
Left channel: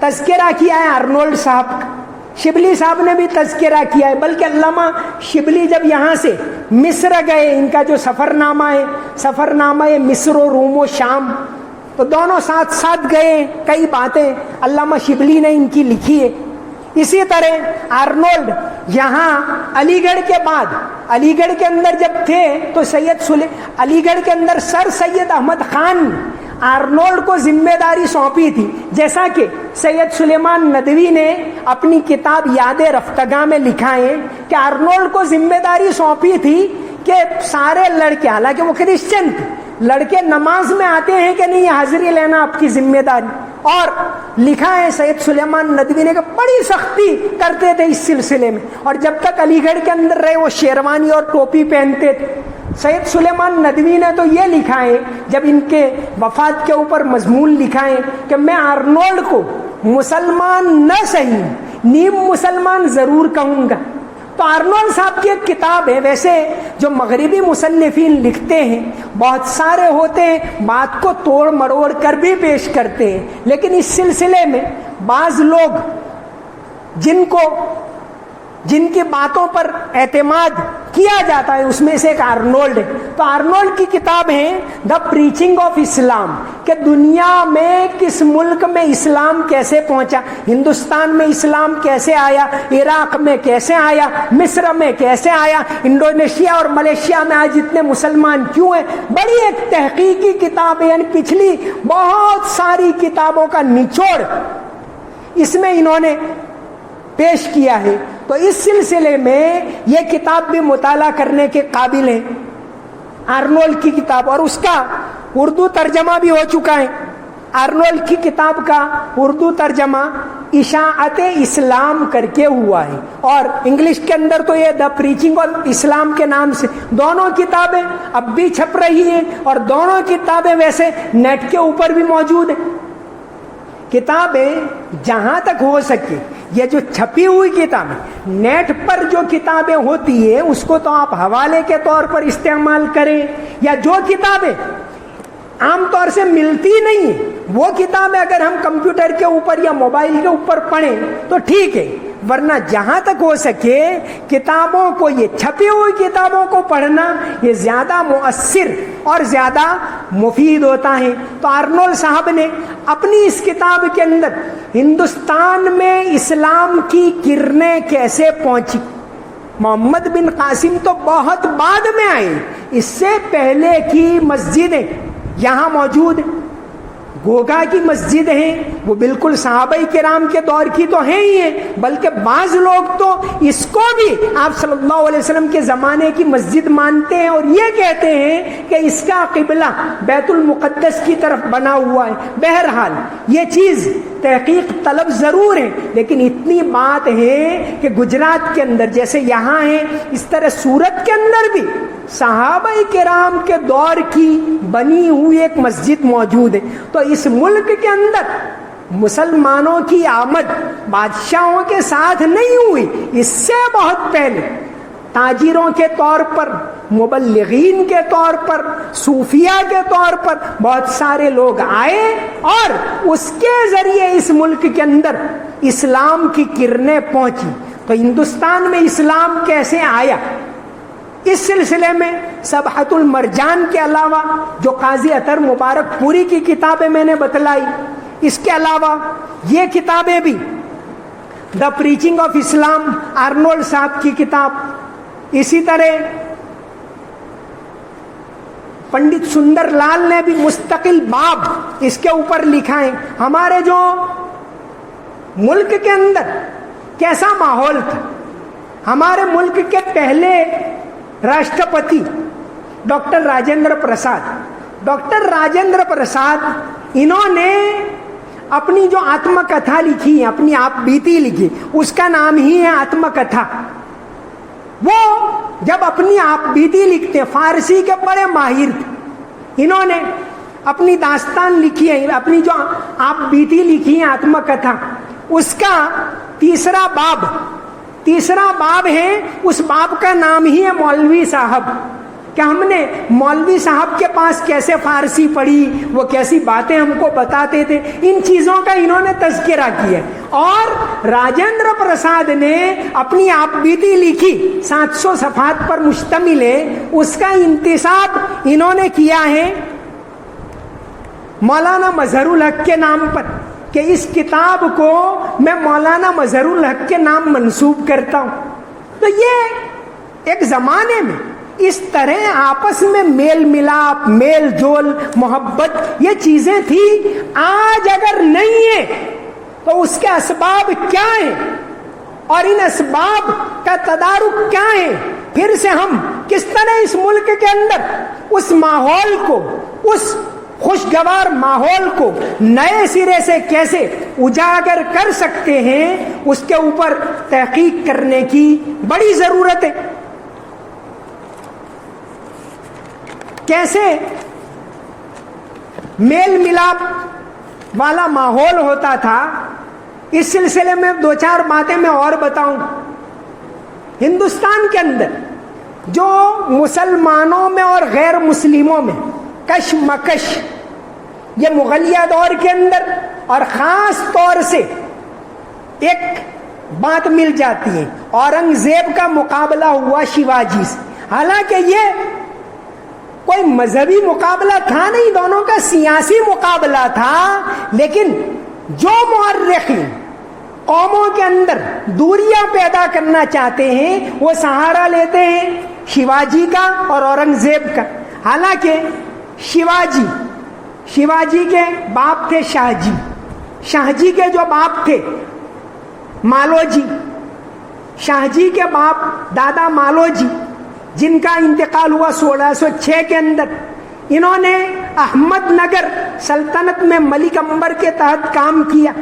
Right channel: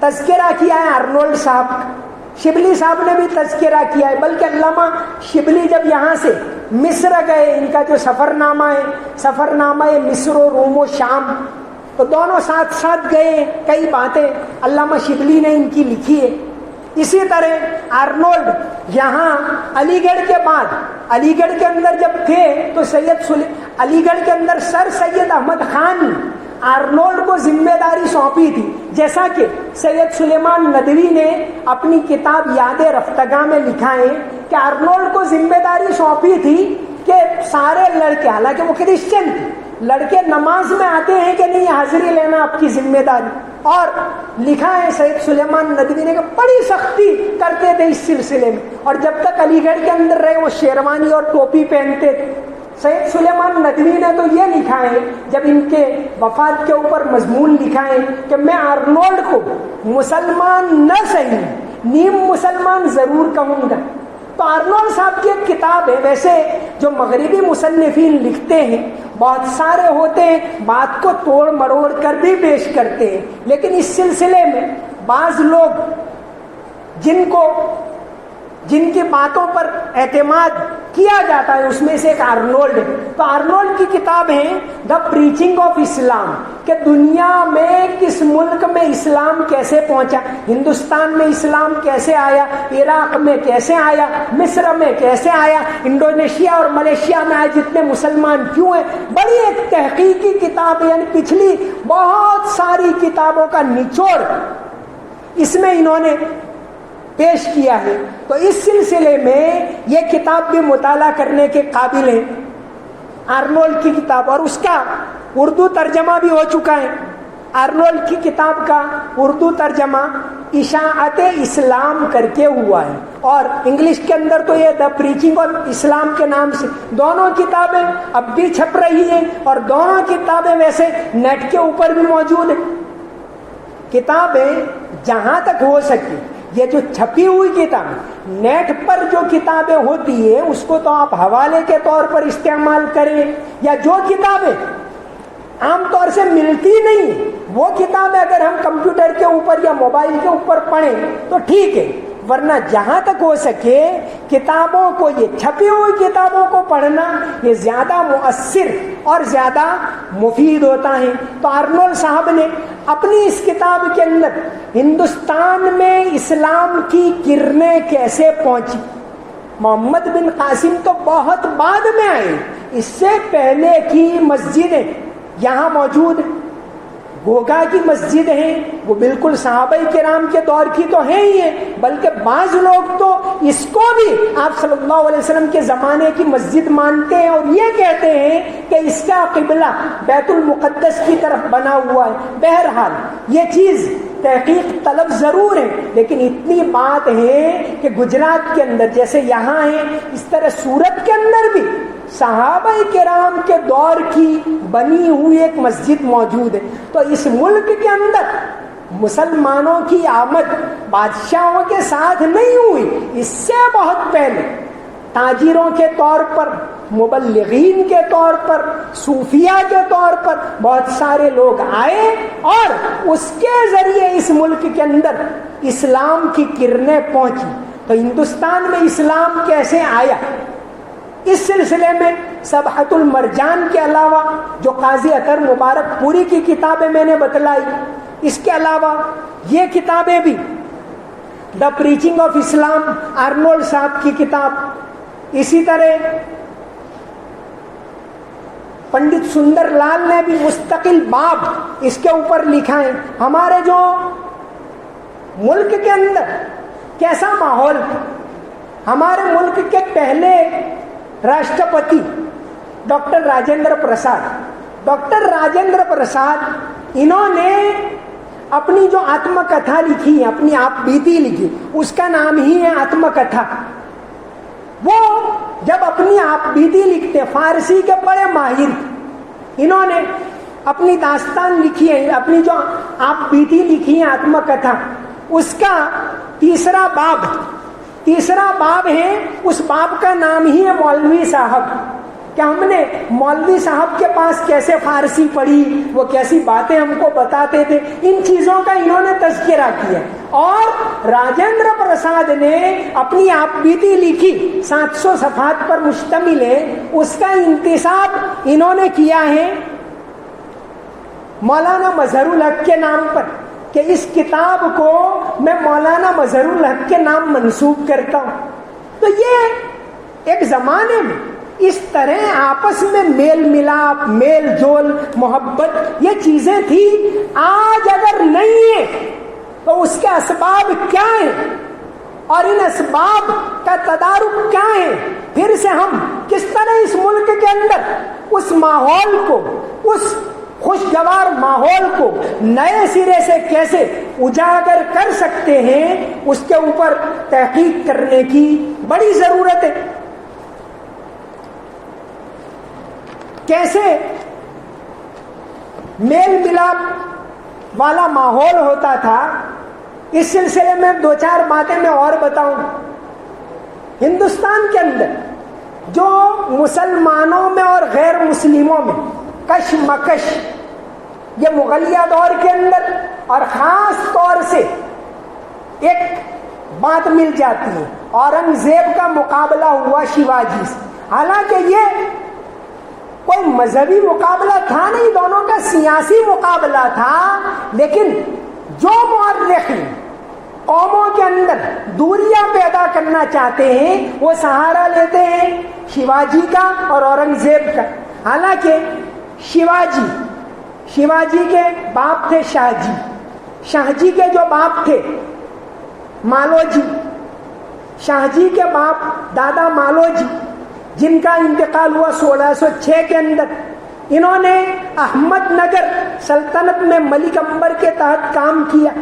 تذکرہ کیا ہے آرنولڈ صاحب کا. شبلی صاحب نے بھی تذکرہ کیا ہے، بلکہ علامہ شبلی جب یہاں سے مصر گئے، ان کا جو سفرنامہ ہے مصر و روم و شام، تو دونوں ساتھ ساتھ گئے. کئی باتیں علامہ شبلی نے ان کی لکھی ہے. اسی طرح آرنولڈ یہاں علی گڑھ کے بعد، علی گڑھ کے اندر جب تھے تو علی گڑھ کے اندر سر سید احمد خان آرنولڈ کو ذمہ داری سونپی تھی، جیسا کہ سید سلیمان ندوی نے اپنی کتاب یاد رفتگاں میں لکھا ہے کہ آرنولڈ کو ذمہ داری سونپی تھی کہ سارے لڑکے، حالانکہ وہ کرسچن تھے، لڑکے نماز میں آتے ہیں کہ نہیں، حاضری لینا آپ کی ذمہ داری. اور لکھا ہے سید سلیمان ندوی نے کہ بڑی سختی کرتے تھے اس سلسلے میں، اور جب تک علی گڑھ کے اندر رہے وہ شیروانی اور ٹوپی پہنتے تھے. سید سلیمان ندوی نے تو یہ لکھا ہے جب ان کے وفات کے اوپر مضمون لکھا ہے کہ میں آرنولڈ کو مسلمان نہ صحیح نیم مسلمان ضرور کہوں گا. تو آرنولڈ صاحب کی ایک کتاب ہے. ویسے جو مغربی مصنفین لکھتے ہیں بہت سارے ہوتے ہیں، بات کو توڑ مروڑ کر بھی پیش کرتے ہیں، لیکن اس سلسلے میں بعض لوگ جن کی باتوں پر اعتماد کیا جاتا ہے اس میں سے ایک آرنولڈ ہے. تو آرنولڈ کی کتاب ہے دا پریچنگ آف اسلام کہ دنیا میں کس ملک میں اسلام کیسے پہنچا، ہندوستان میں اسلام کیسے آیا، عراق میں کیسے آیا، مصر میں کیسے آیا، انڈونیشیا اور ملیشیا میں آج اتنے مسلمان کیوں ہیں. بڑی ایک تحقیقی کتاب ہے، یعنی پچھلی بہت ساری کتابوں کا نچوڑ اس میں انہوں نے پیش کیا ہے. تو اس سلسلے میں یہ کتاب بھی مطالعہ کرنے کے قابل ہے، آرنولڈ کی کتاب، اور اس کا اردو ترجمہ بھی ہو چکا ہے. آرنولڈ کی کتاب کا اردو ترجمہ اشاعت اسلام کر کے ہوا ہے، اور انگلش کے اندر تو یہ دا پریچنگ آف اسلام کے نام سے دونوں کتابیں اب بھی چھپ رہی ہیں، اور دونوں کتابیں ویسے نیٹ کے اوپر بھی موجود ہیں. کتابیں جہاں تک ہو سکے، یہ جو چھپی ہوئی کتابیں، نیٹ پر جو کتابیں ہوتی ہیں اس کو تو آپ حوالے کے طور پر استعمال کریں، یا جو کتابیں عام طور سے ملتی نہیں ہیں وہ کتابیں اگر ہم کمپیوٹر کے اوپر یا موبائل کے اوپر پڑھیں تو ٹھیک ہے، ورنہ جہاں تک ہو سکے کتابوں کو، یہ چھپی ہوئی کتابوں کو پڑھنا یہ زیادہ مؤثر اور زیادہ مفید ہوتا ہے. تو آرنولڈ صاحب نے اپنی اس کتاب کے اندر ہندوستان میں اسلام کی کرنیں کیسے پہنچی، محمد بن قاسم تو بہت بعد میں آئے، اس سے پہلے کی مسجدیں یہاں موجود ہیں۔ گوگا کی مسجد ہے، وہ بالکل صحابہ کرام کے دور کی تو ہیں ہی ہیں، بلکہ بعض لوگ تو اس کو بھی آپ صلی اللہ علیہ وسلم کے زمانے کی مسجد مانتے ہیں اور یہ کہتے ہیں کہ اس کا قبلہ بیت المقدس کی طرف بنا ہوا ہے۔ بہرحال یہ چیز تحقیق طلب ضرور ہے، لیکن اتنی بات ہے کہ گجرات کے اندر جیسے یہاں ہے، اس طرح سورت کے اندر بھی صحابہ کرام کے دور کی بنی ہوئی ایک مسجد موجود ہے۔ تو اس ملک کے اندر مسلمانوں کی آمد بادشاہوں کے ساتھ نہیں ہوئی، اس سے بہت پہلے تاجروں کے طور پر، مبلغین کے طور پر، صوفیہ کے طور پر بہت سارے لوگ آئے اور اس کے ذریعے اس ملک کے اندر اسلام کی کرنیں پہنچی۔ تو ہندوستان میں اسلام کیسے آیا، اس سلسلے میں سبحۃ المرجان کے علاوہ جو قاضی اطہر مبارک پوری کی کتابیں میں نے بتلائی، اس کے علاوہ یہ کتابیں بھی، دا پریچنگ آف اسلام آرنولڈ صاحب کی کتاب، اسی طرح پنڈت سندر لال نے بھی مستقل باب اس کے اوپر لکھا ہے۔ ہمارے جو ملک کے اندر کیسا ماحول تھا، ہمارے ملک کے پہلے راشٹرپتی ڈاکٹر راجندر پرساد انہوں نے اپنی جو آتم کتھا لکھی، اپنی آپ بیتی لکھی، اس کا نام ہی ہے آتم کتھا۔ وہ جب اپنی آپ بیتی لکھتے، فارسی کے بڑے ماہر تھے، انہوں نے اپنی داستان لکھی ہے، اپنی جو آپ بیتی لکھی ہے آتم کتھا، اس کا تیسرا باب ہے، اس باب کا نام ہی ہے مولوی صاحب، کہ ہم نے مولوی صاحب کے پاس کیسے فارسی پڑھی، وہ کیسی باتیں ہم کو بتاتے تھے، ان چیزوں کا انہوں نے تذکرہ کیا۔ اور راجندر پرساد نے اپنی آپ بیتی لکھی، 700 صفحات پر مشتمل ہے، اس کا انتساب انہوں نے کیا ہے مولانا مظہر الحق کے نام پر، کہ اس کتاب کو میں مولانا مظہر الحق کے نام منسوب کرتا ہوں۔ تو یہ ایک زمانے میں اس طرح آپس میں میل ملاپ، میل جول، محبت، یہ چیزیں تھی۔ آج اگر نہیں ہے تو اس کے اسباب کیا ہیں اور ان اسباب کا تدارک کیا ہے، پھر سے ہم کس طرح اس ملک کے اندر اس ماحول کو، اس خوشگوار ماحول کو نئے سرے سے کیسے اجاگر کر سکتے ہیں، اس کے اوپر تحقیق کرنے کی بڑی ضرورت ہے۔ کیسے میل ملاپ والا ماحول ہوتا تھا، اس سلسلے میں 2-4 باتیں میں اور بتاؤں۔ ہندوستان کے اندر جو مسلمانوں میں اور غیر مسلموں میں کشمکش، یہ مغلیہ دور کے اندر اور خاص طور سے ایک بات مل جاتی ہے، اورنگزیب کا مقابلہ ہوا شیواجی سے۔ حالانکہ یہ کوئی مذہبی مقابلہ تھا نہیں، دونوں کا سیاسی مقابلہ تھا، لیکن جو مورخین قوموں کے اندر دوریاں پیدا کرنا چاہتے ہیں وہ سہارا لیتے ہیں شیواجی کا اور اورنگزیب کا۔ حالانکہ شیواجی کے باپ تھے شاہ جی کے جو باپ تھے مالوجی، شاہ جی کے باپ دادا مالوجی، جن کا انتقال ہوا 1606 کے اندر، انہوں نے احمد نگر سلطنت میں ملک امبر کے تحت کام کیا۔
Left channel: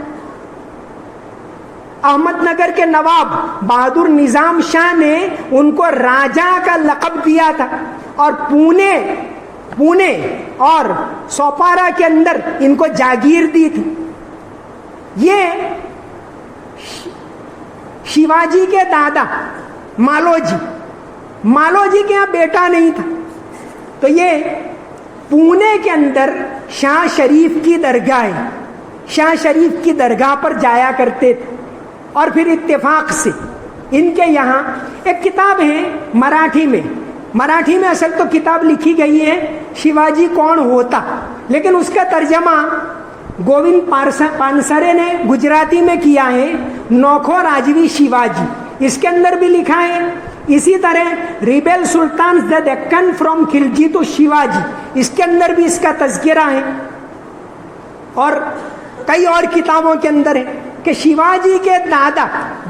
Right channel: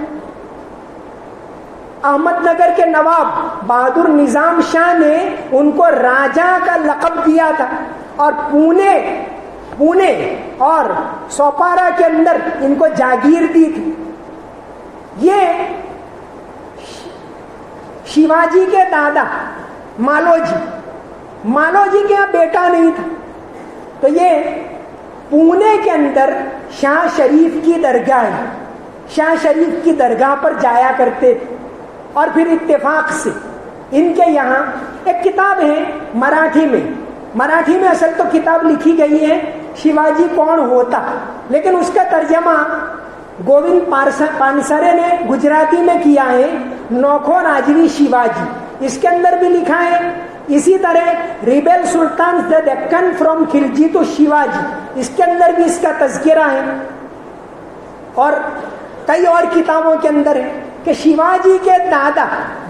احمد نگر کے نواب بہادر نظام شاہ نے ان کو راجا کا لقب دیا تھا، اور پونے اور سوپارا کے اندر ان کو جاگیر دی تھی۔ یہ شیواجی کے دادا مالوجی کے یہاں بیٹا نہیں تھا، تو یہ پونے کے اندر شاہ شریف کی درگاہ ہے، شاہ شریف کی درگاہ پر جایا کرتے تھے۔ اور پھر اتفاق سے ان کے یہاں ایک کتاب ہے مراٹھی میں اصل تو کتاب لکھی گئی ہے شیواجی کون ہوتا، لیکن اس کا ترجمہ گووند پانسرے نے گجراتی میں کیا ہے، نوکھو راجوی شیواجی۔ اس کے اندر بھی لکھا ہے اسی طرح rebel sultan the Deccan from Khalji to Shivaji, اس کے اندر بھی اس کا تذکرہ ہے، اور کئی اور کتابوں کے اندر ہے کہ شیواجی کے دادا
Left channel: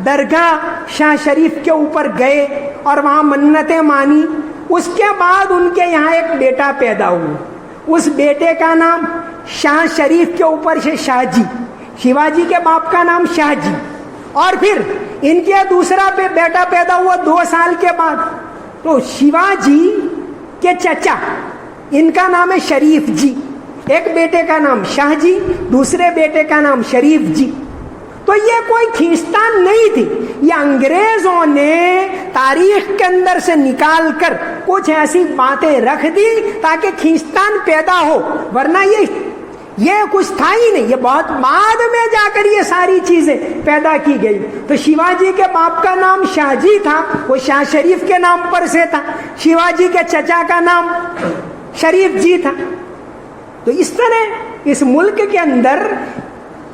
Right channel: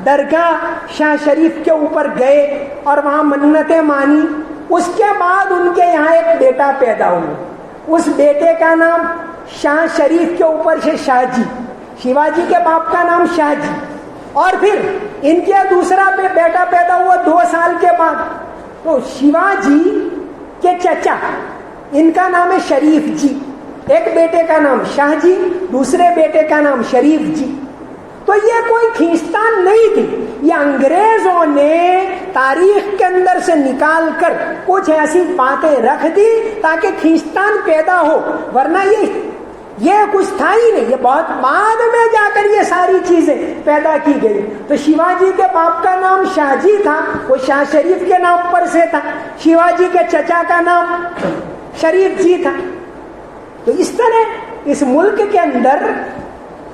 درگاہ شاہ شریف کے اوپر گئے اور وہاں منتیں مانی، اس کے بعد ان کے یہاں ایک بیٹا پیدا ہوا، اس بیٹے کا نام شاہ شریف کے اوپر سے شاہ جی، شیواجی کے باپ کا نام شاہ جی، اور پھر ان کے دوسرا بیٹا پیدا ہوا 2 سال کے بعد، تو شیواجی کے چچا ان کا نام ہے شریف جی، ایک بیٹے کا نام شاہ جی، دوسرے بیٹے کا نام شریف جی۔ تو یہ کوئی کھینچتان نہیں تھی، یہ انگریزوں نے تاریخ کے اندر سے نکال کر کچھ ایسی باتیں رکھ دی تاکہ کھینچتان پیدا ہو، ورنہ یہ کچھ تھا ہی نہیں، یہ بہت بعد میں جا کر یہ ساری چیزیں پیدا کی گئی۔ تو شیواجی کے باپ کا نام شاہ جی تھا، وہ شاہ شریف کے نام پر سے تھا، شیواجی کے چچا کا نام شریف جی تھا۔ تو اس طرح اس ملک کے اندر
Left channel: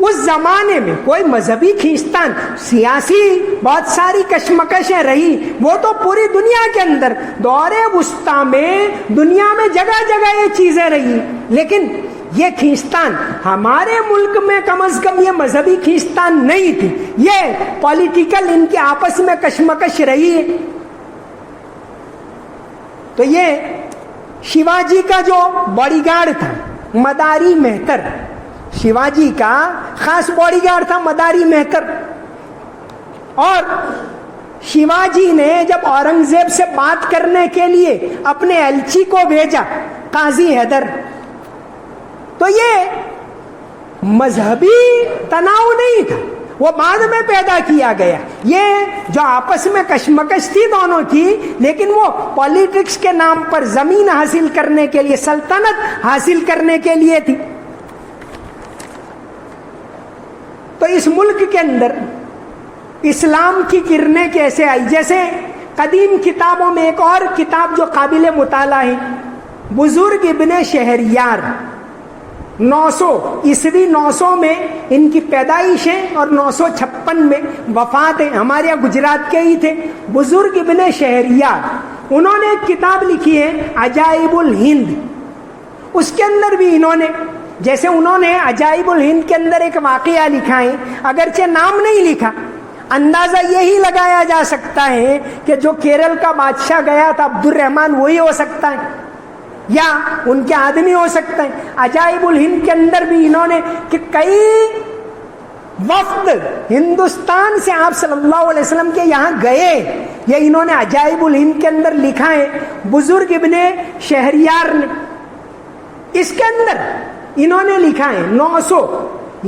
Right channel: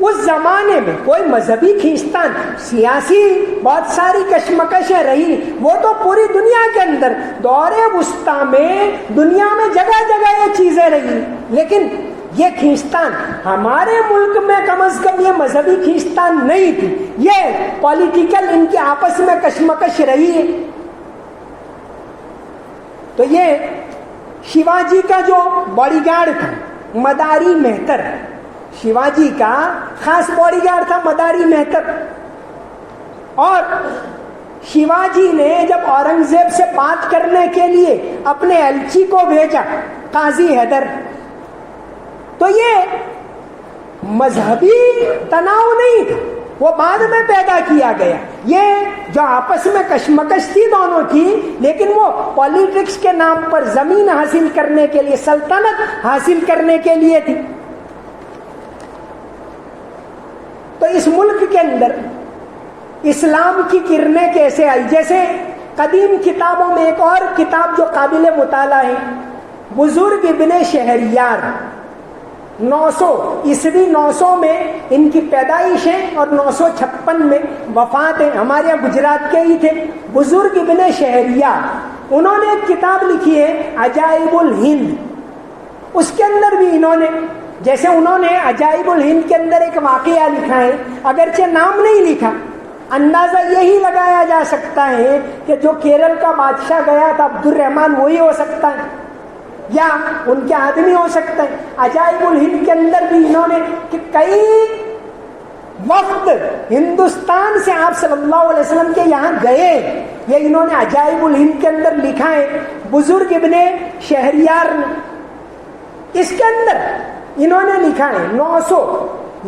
اس زمانے میں کوئی مذہبی کھینچتان، سیاسی بہت ساری کشمکشیں رہی، وہ تو پوری دنیا کے اندر دور وسطیٰ میں دنیا میں جگہ جگہ یہ چیزیں رہی، لیکن یہ کھینچتان ہمارے ملک میں کم از کم یہ مذہبی کھینچتان نہیں تھی، یہ پولیٹیکل ان کے آپس میں کشمکش رہی ہے۔ تو یہ شیواجی کا جو باڈی گارڈ تھا مداری مہتر، شیواجی کا خاص باڈی گارڈ تھا مداری مہتر، اور شیواجی نے جب اورنگزیب سے بات کرنے کے لیے اپنے ایلچی کو بھیجا قاضی حیدر، تو یہ مذہبی تناؤ نہیں تھا، وہ بعد میں پیدا کیا گیا، یہ جو آپس میں کشمکش تھی دونوں کی، لیکن وہ پالیٹکس کے نام پر زمین حاصل کرنے کے لیے، سلطنت حاصل کرنے کے لیے تھی۔ تو اس ملک کے اندر اسلام کی کرنیں کیسے آئی؟ جیسے قدیم کتابوں میں ایک اور کتاب جو قابل مطالعہ ہے، بزرگ ابن شہریار، 900 عیسوی 900 میں ان کی پیدائش ہے اور 956 میں وفات ہے، ہمارے یہاں گجرات کے ہی تھے، بزرگ ابن شہریار، انہوں نے ایک کتاب لکھی ہے عجائب الہند، اس کے اندر بھی انہوں نے، جیسے انہوں نے عجائب الہند کے اندر ایک واقعہ لکھا ہے، اگرچہ نام نہیں لکھا، اندازہ یہی لگایا جا سکتا ہے کہ جو کیرل کا بادشاہ گیا تھا عبد الرحمن وہی ہو سکتا ہے، یا ان کے آدمی ہو سکتے ہیں۔ عجائب الہند کے اندر بھی انہوں نے کہ کئی وفد ہندوستان سے آپ صلی اللہ علیہ وسلم کے یہاں گئے، یہ انہوں نے عجائب الہند کے اندر لکھا ہے بزرگ ابن شہریار نے۔ اس کے اندر انہوں نے لکھا ہے 900،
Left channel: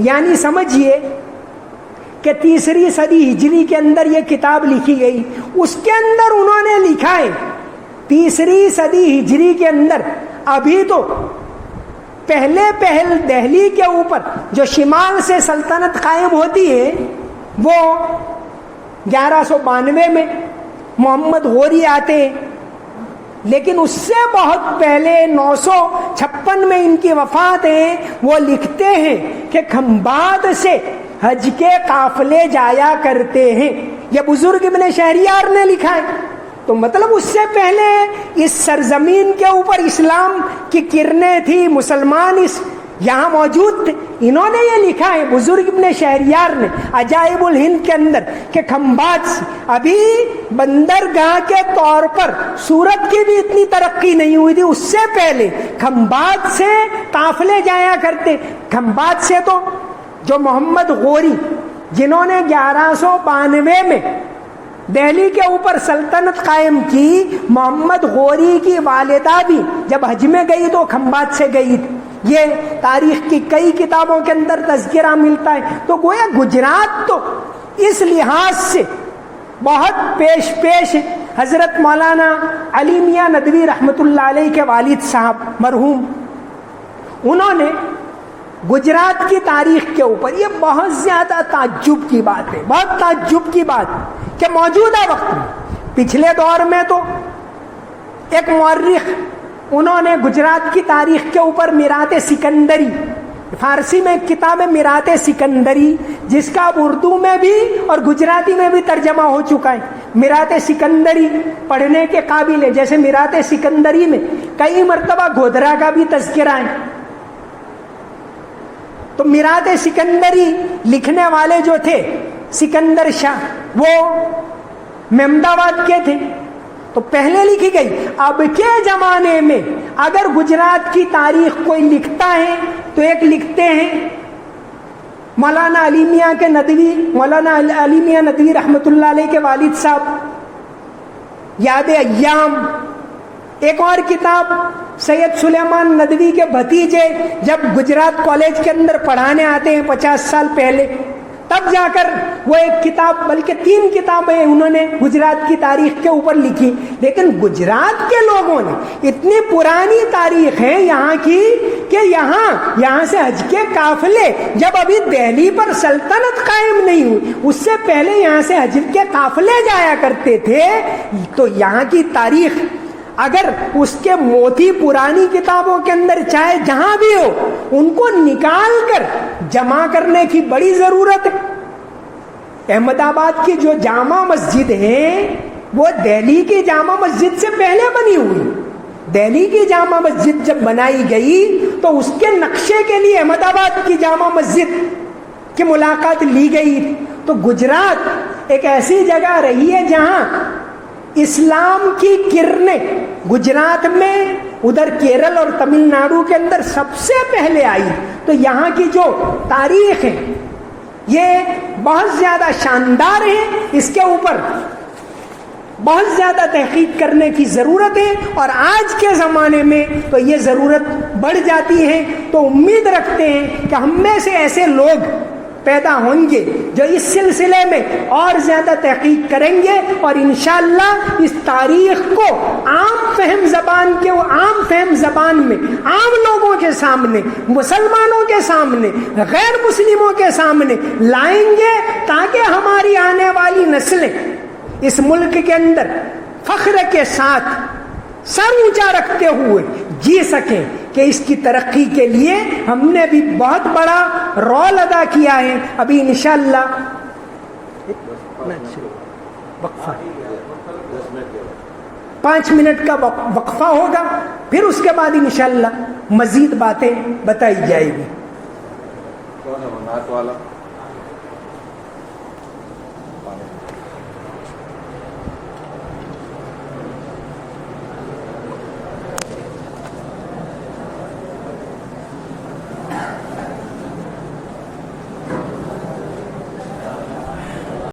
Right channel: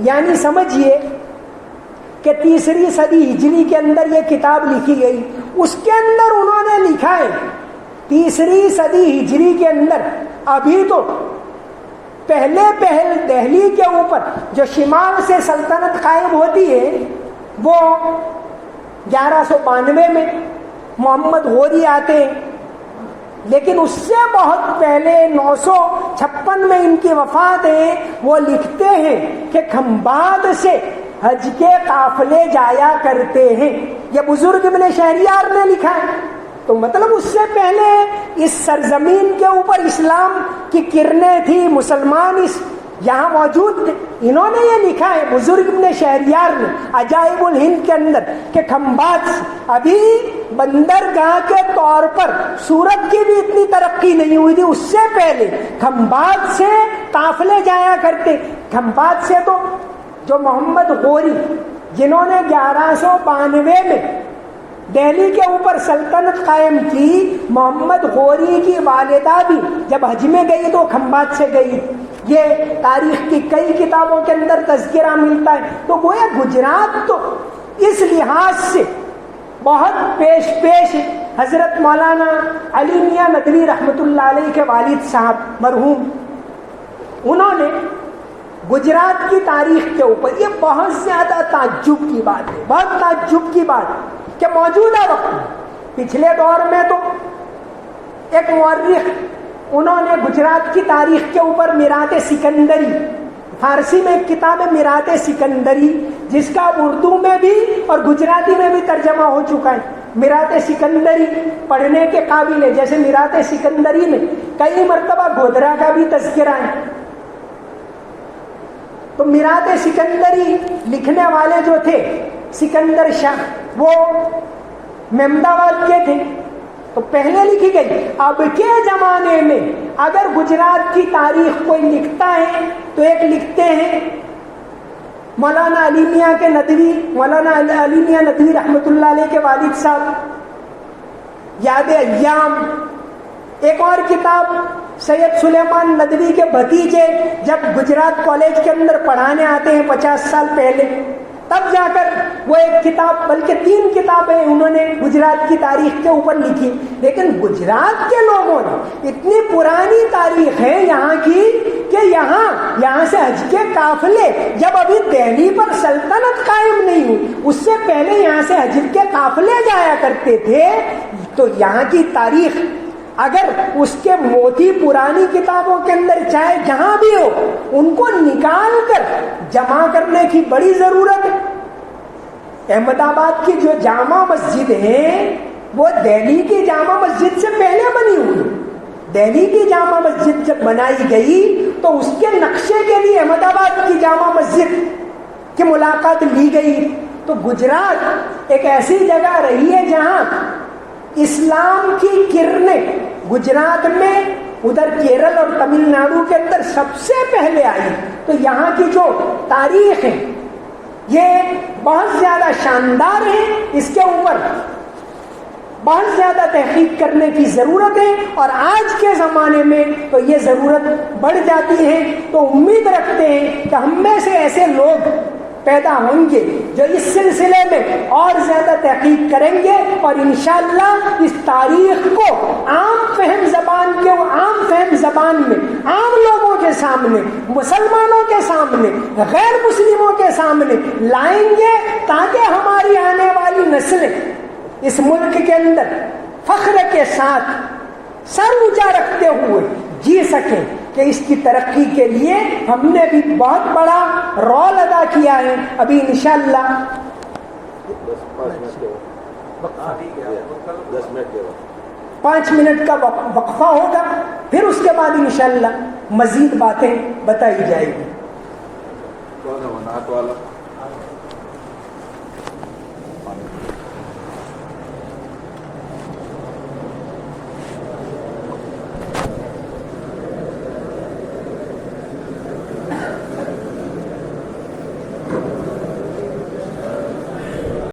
یعنی سمجھئے کہ 3 صدی ہجری کے اندر یہ کتاب لکھی گئی، اس کے اندر انہوں نے لکھا ہے 3 صدی ہجری کے اندر، ابھی تو پہل دہلی کے اوپر جو شمال سے سلطنت قائم ہوتی ہے وہ 1192 میں محمد غوری آتے ہیں، لیکن اس سے بہت پہلے 956 میں ان کی وفات ہے۔ وہ لکھتے ہیں کہ کھمباد سے حج کے قافلے جایا کرتے ہیں، یہ بزرگ ابن شہریار نے لکھا ہے۔ تو مطلب اس سے پہلے اس سرزمین کے اوپر اسلام کی کرنیں تھی، مسلمان اس یہاں موجود تھے، انہوں نے یہ لکھا ہے بزرگ ابن شہریار نے عجائب الہند کے اندر کہ کھمبات سے، ابھی بندرگاہ کے طور پر سورت کی بھی اتنی ترقی نہیں ہوئی تھی، اس سے پہلے کھمبات سے قافلے جایا کرتے۔ کھمبات سے تو جو محمد غوری جنہوں نے 1192 میں دہلی کے اوپر سلطنت قائم کی، محمد غوری کی والدہ بھی جب حج میں گئی تو کھمبات سے گئی تھی، یہ تاریخ کی کئی کتابوں کے اندر تذکرہ ملتا ہے۔ تو گویا گجرات تو اس لحاظ سے بہت پیش ہے۔ حضرت مولانا علی میاں ندوی رحمۃ اللہ علیہ کے والد صاحب مرحوم، انہوں نے گجرات کی تاریخ کے اوپر، یہ بہت زیادہ تعجب کی بات ہے، بہت تعجب کی بات ہے کہ موجودہ وقت میں، پچھلے دور میں تو ایک مورخ انہوں نے گجرات کی تاریخ کے اوپر میرات سکندری فارسی میں ایک کتاب ہے میرات سکندری، جس کا اب اردو میں بھی اور گجراتی میں بھی ترجمہ ہو چکا ہے۔ میرات سکندری پڑھنے کے قابل ہے۔ جیسے میرات سکندری میں کئی مرتبہ گودرا کا بھی تذکرہ ہے۔ تو میرات سکندری لکھنے والے جو تھے سکندر شاہ، وہ محمد آباد کے تھے، تو پہلے لکھی گئی۔ اب کے زمانے میں اگر گجرات کی تاریخ کوئی لکھتا ہے تو ایک لکھتے ہیں مولانا علی میاں کے ندوی، مولانا علی میاں ندوی رحمۃ اللہ علیہ کے والد صاحب، یاد ایام۔ ایک اور کتاب سید سلیمان ندوی کے بھتیجے جب گجرات کالج کے اندر پڑھانے آتے ہیں 50 سال پہلے، تب جا کر وہ ایک کتاب، بلکہ 3 کتابیں انہوں نے گجرات کی تاریخ کے اوپر لکھی۔ لیکن گجرات کے لوگوں نے اتنی پرانی تاریخ ہے یہاں کی کہ یہاں سے حج کے قافلے، جب ابھی دہلی پر سلطنت قائم نہیں ہوئی اس سے پہلے یہاں سے حج کے قافلے جایا کرتے تھے۔ تو یہاں کی تاریخ اگر اس کے موتی پرانی کتابوں کے اندر چاہے جہاں بھی ہو، ان کو نکال کر جمع کرنے کی بڑی ضرورت ہے۔ احمد آباد کی جو جامع مسجد ہے وہ دہلی کی جامع مسجد سے پہلے بنی ہوئی۔ دہلی کی جامع مسجد جب بنائی گئی تو اس کے نقشے کے لیے احمد آباد کی جامع مسجد کی ملاقات لی گئی۔ تو گجرات ایک ایسی جگہ رہی ہے جہاں اسلام کی کرنیں گجرات میں، ادھر کیرل اور تمل ناڈو کے اندر سب سے پہلے آئی۔ تو یہاں کی جو تاریخ ہے یہ بہت زیادہ شاندار ہے، اس کے اوپر بہت زیادہ تحقیق کرنے کی ضرورت ہے، اور آج کے زمانے میں تو یہ ضرورت بڑھ جاتی ہے۔ تو امید رکھتے ہیں کہ ہم میں سے ایسے لوگ پیدا ہوں گے جو اس سلسلے میں اور زیادہ تحقیق کریں گے، اور انشاءاللہ اس تاریخ کو عام فہم زبان میں عام لوگوں کے سامنے، مسلمانوں کے سامنے، غیر مسلموں کے سامنے لائیں گے، تاکہ ہماری آنے والی نسلیں اس ملک کے اندر فخر کے ساتھ سر اونچا رکھتے ہوئے جی سکیں کہ اس کی ترقی کے لیے ہم نے بھی بہت بڑا رول ادا کیا ہے۔ ابھی انشاءاللہ 5 منٹ کا وقفہ ہوگا، پھر اس کے بعد انشاءاللہ مزید باتیں بتائی جائے گی۔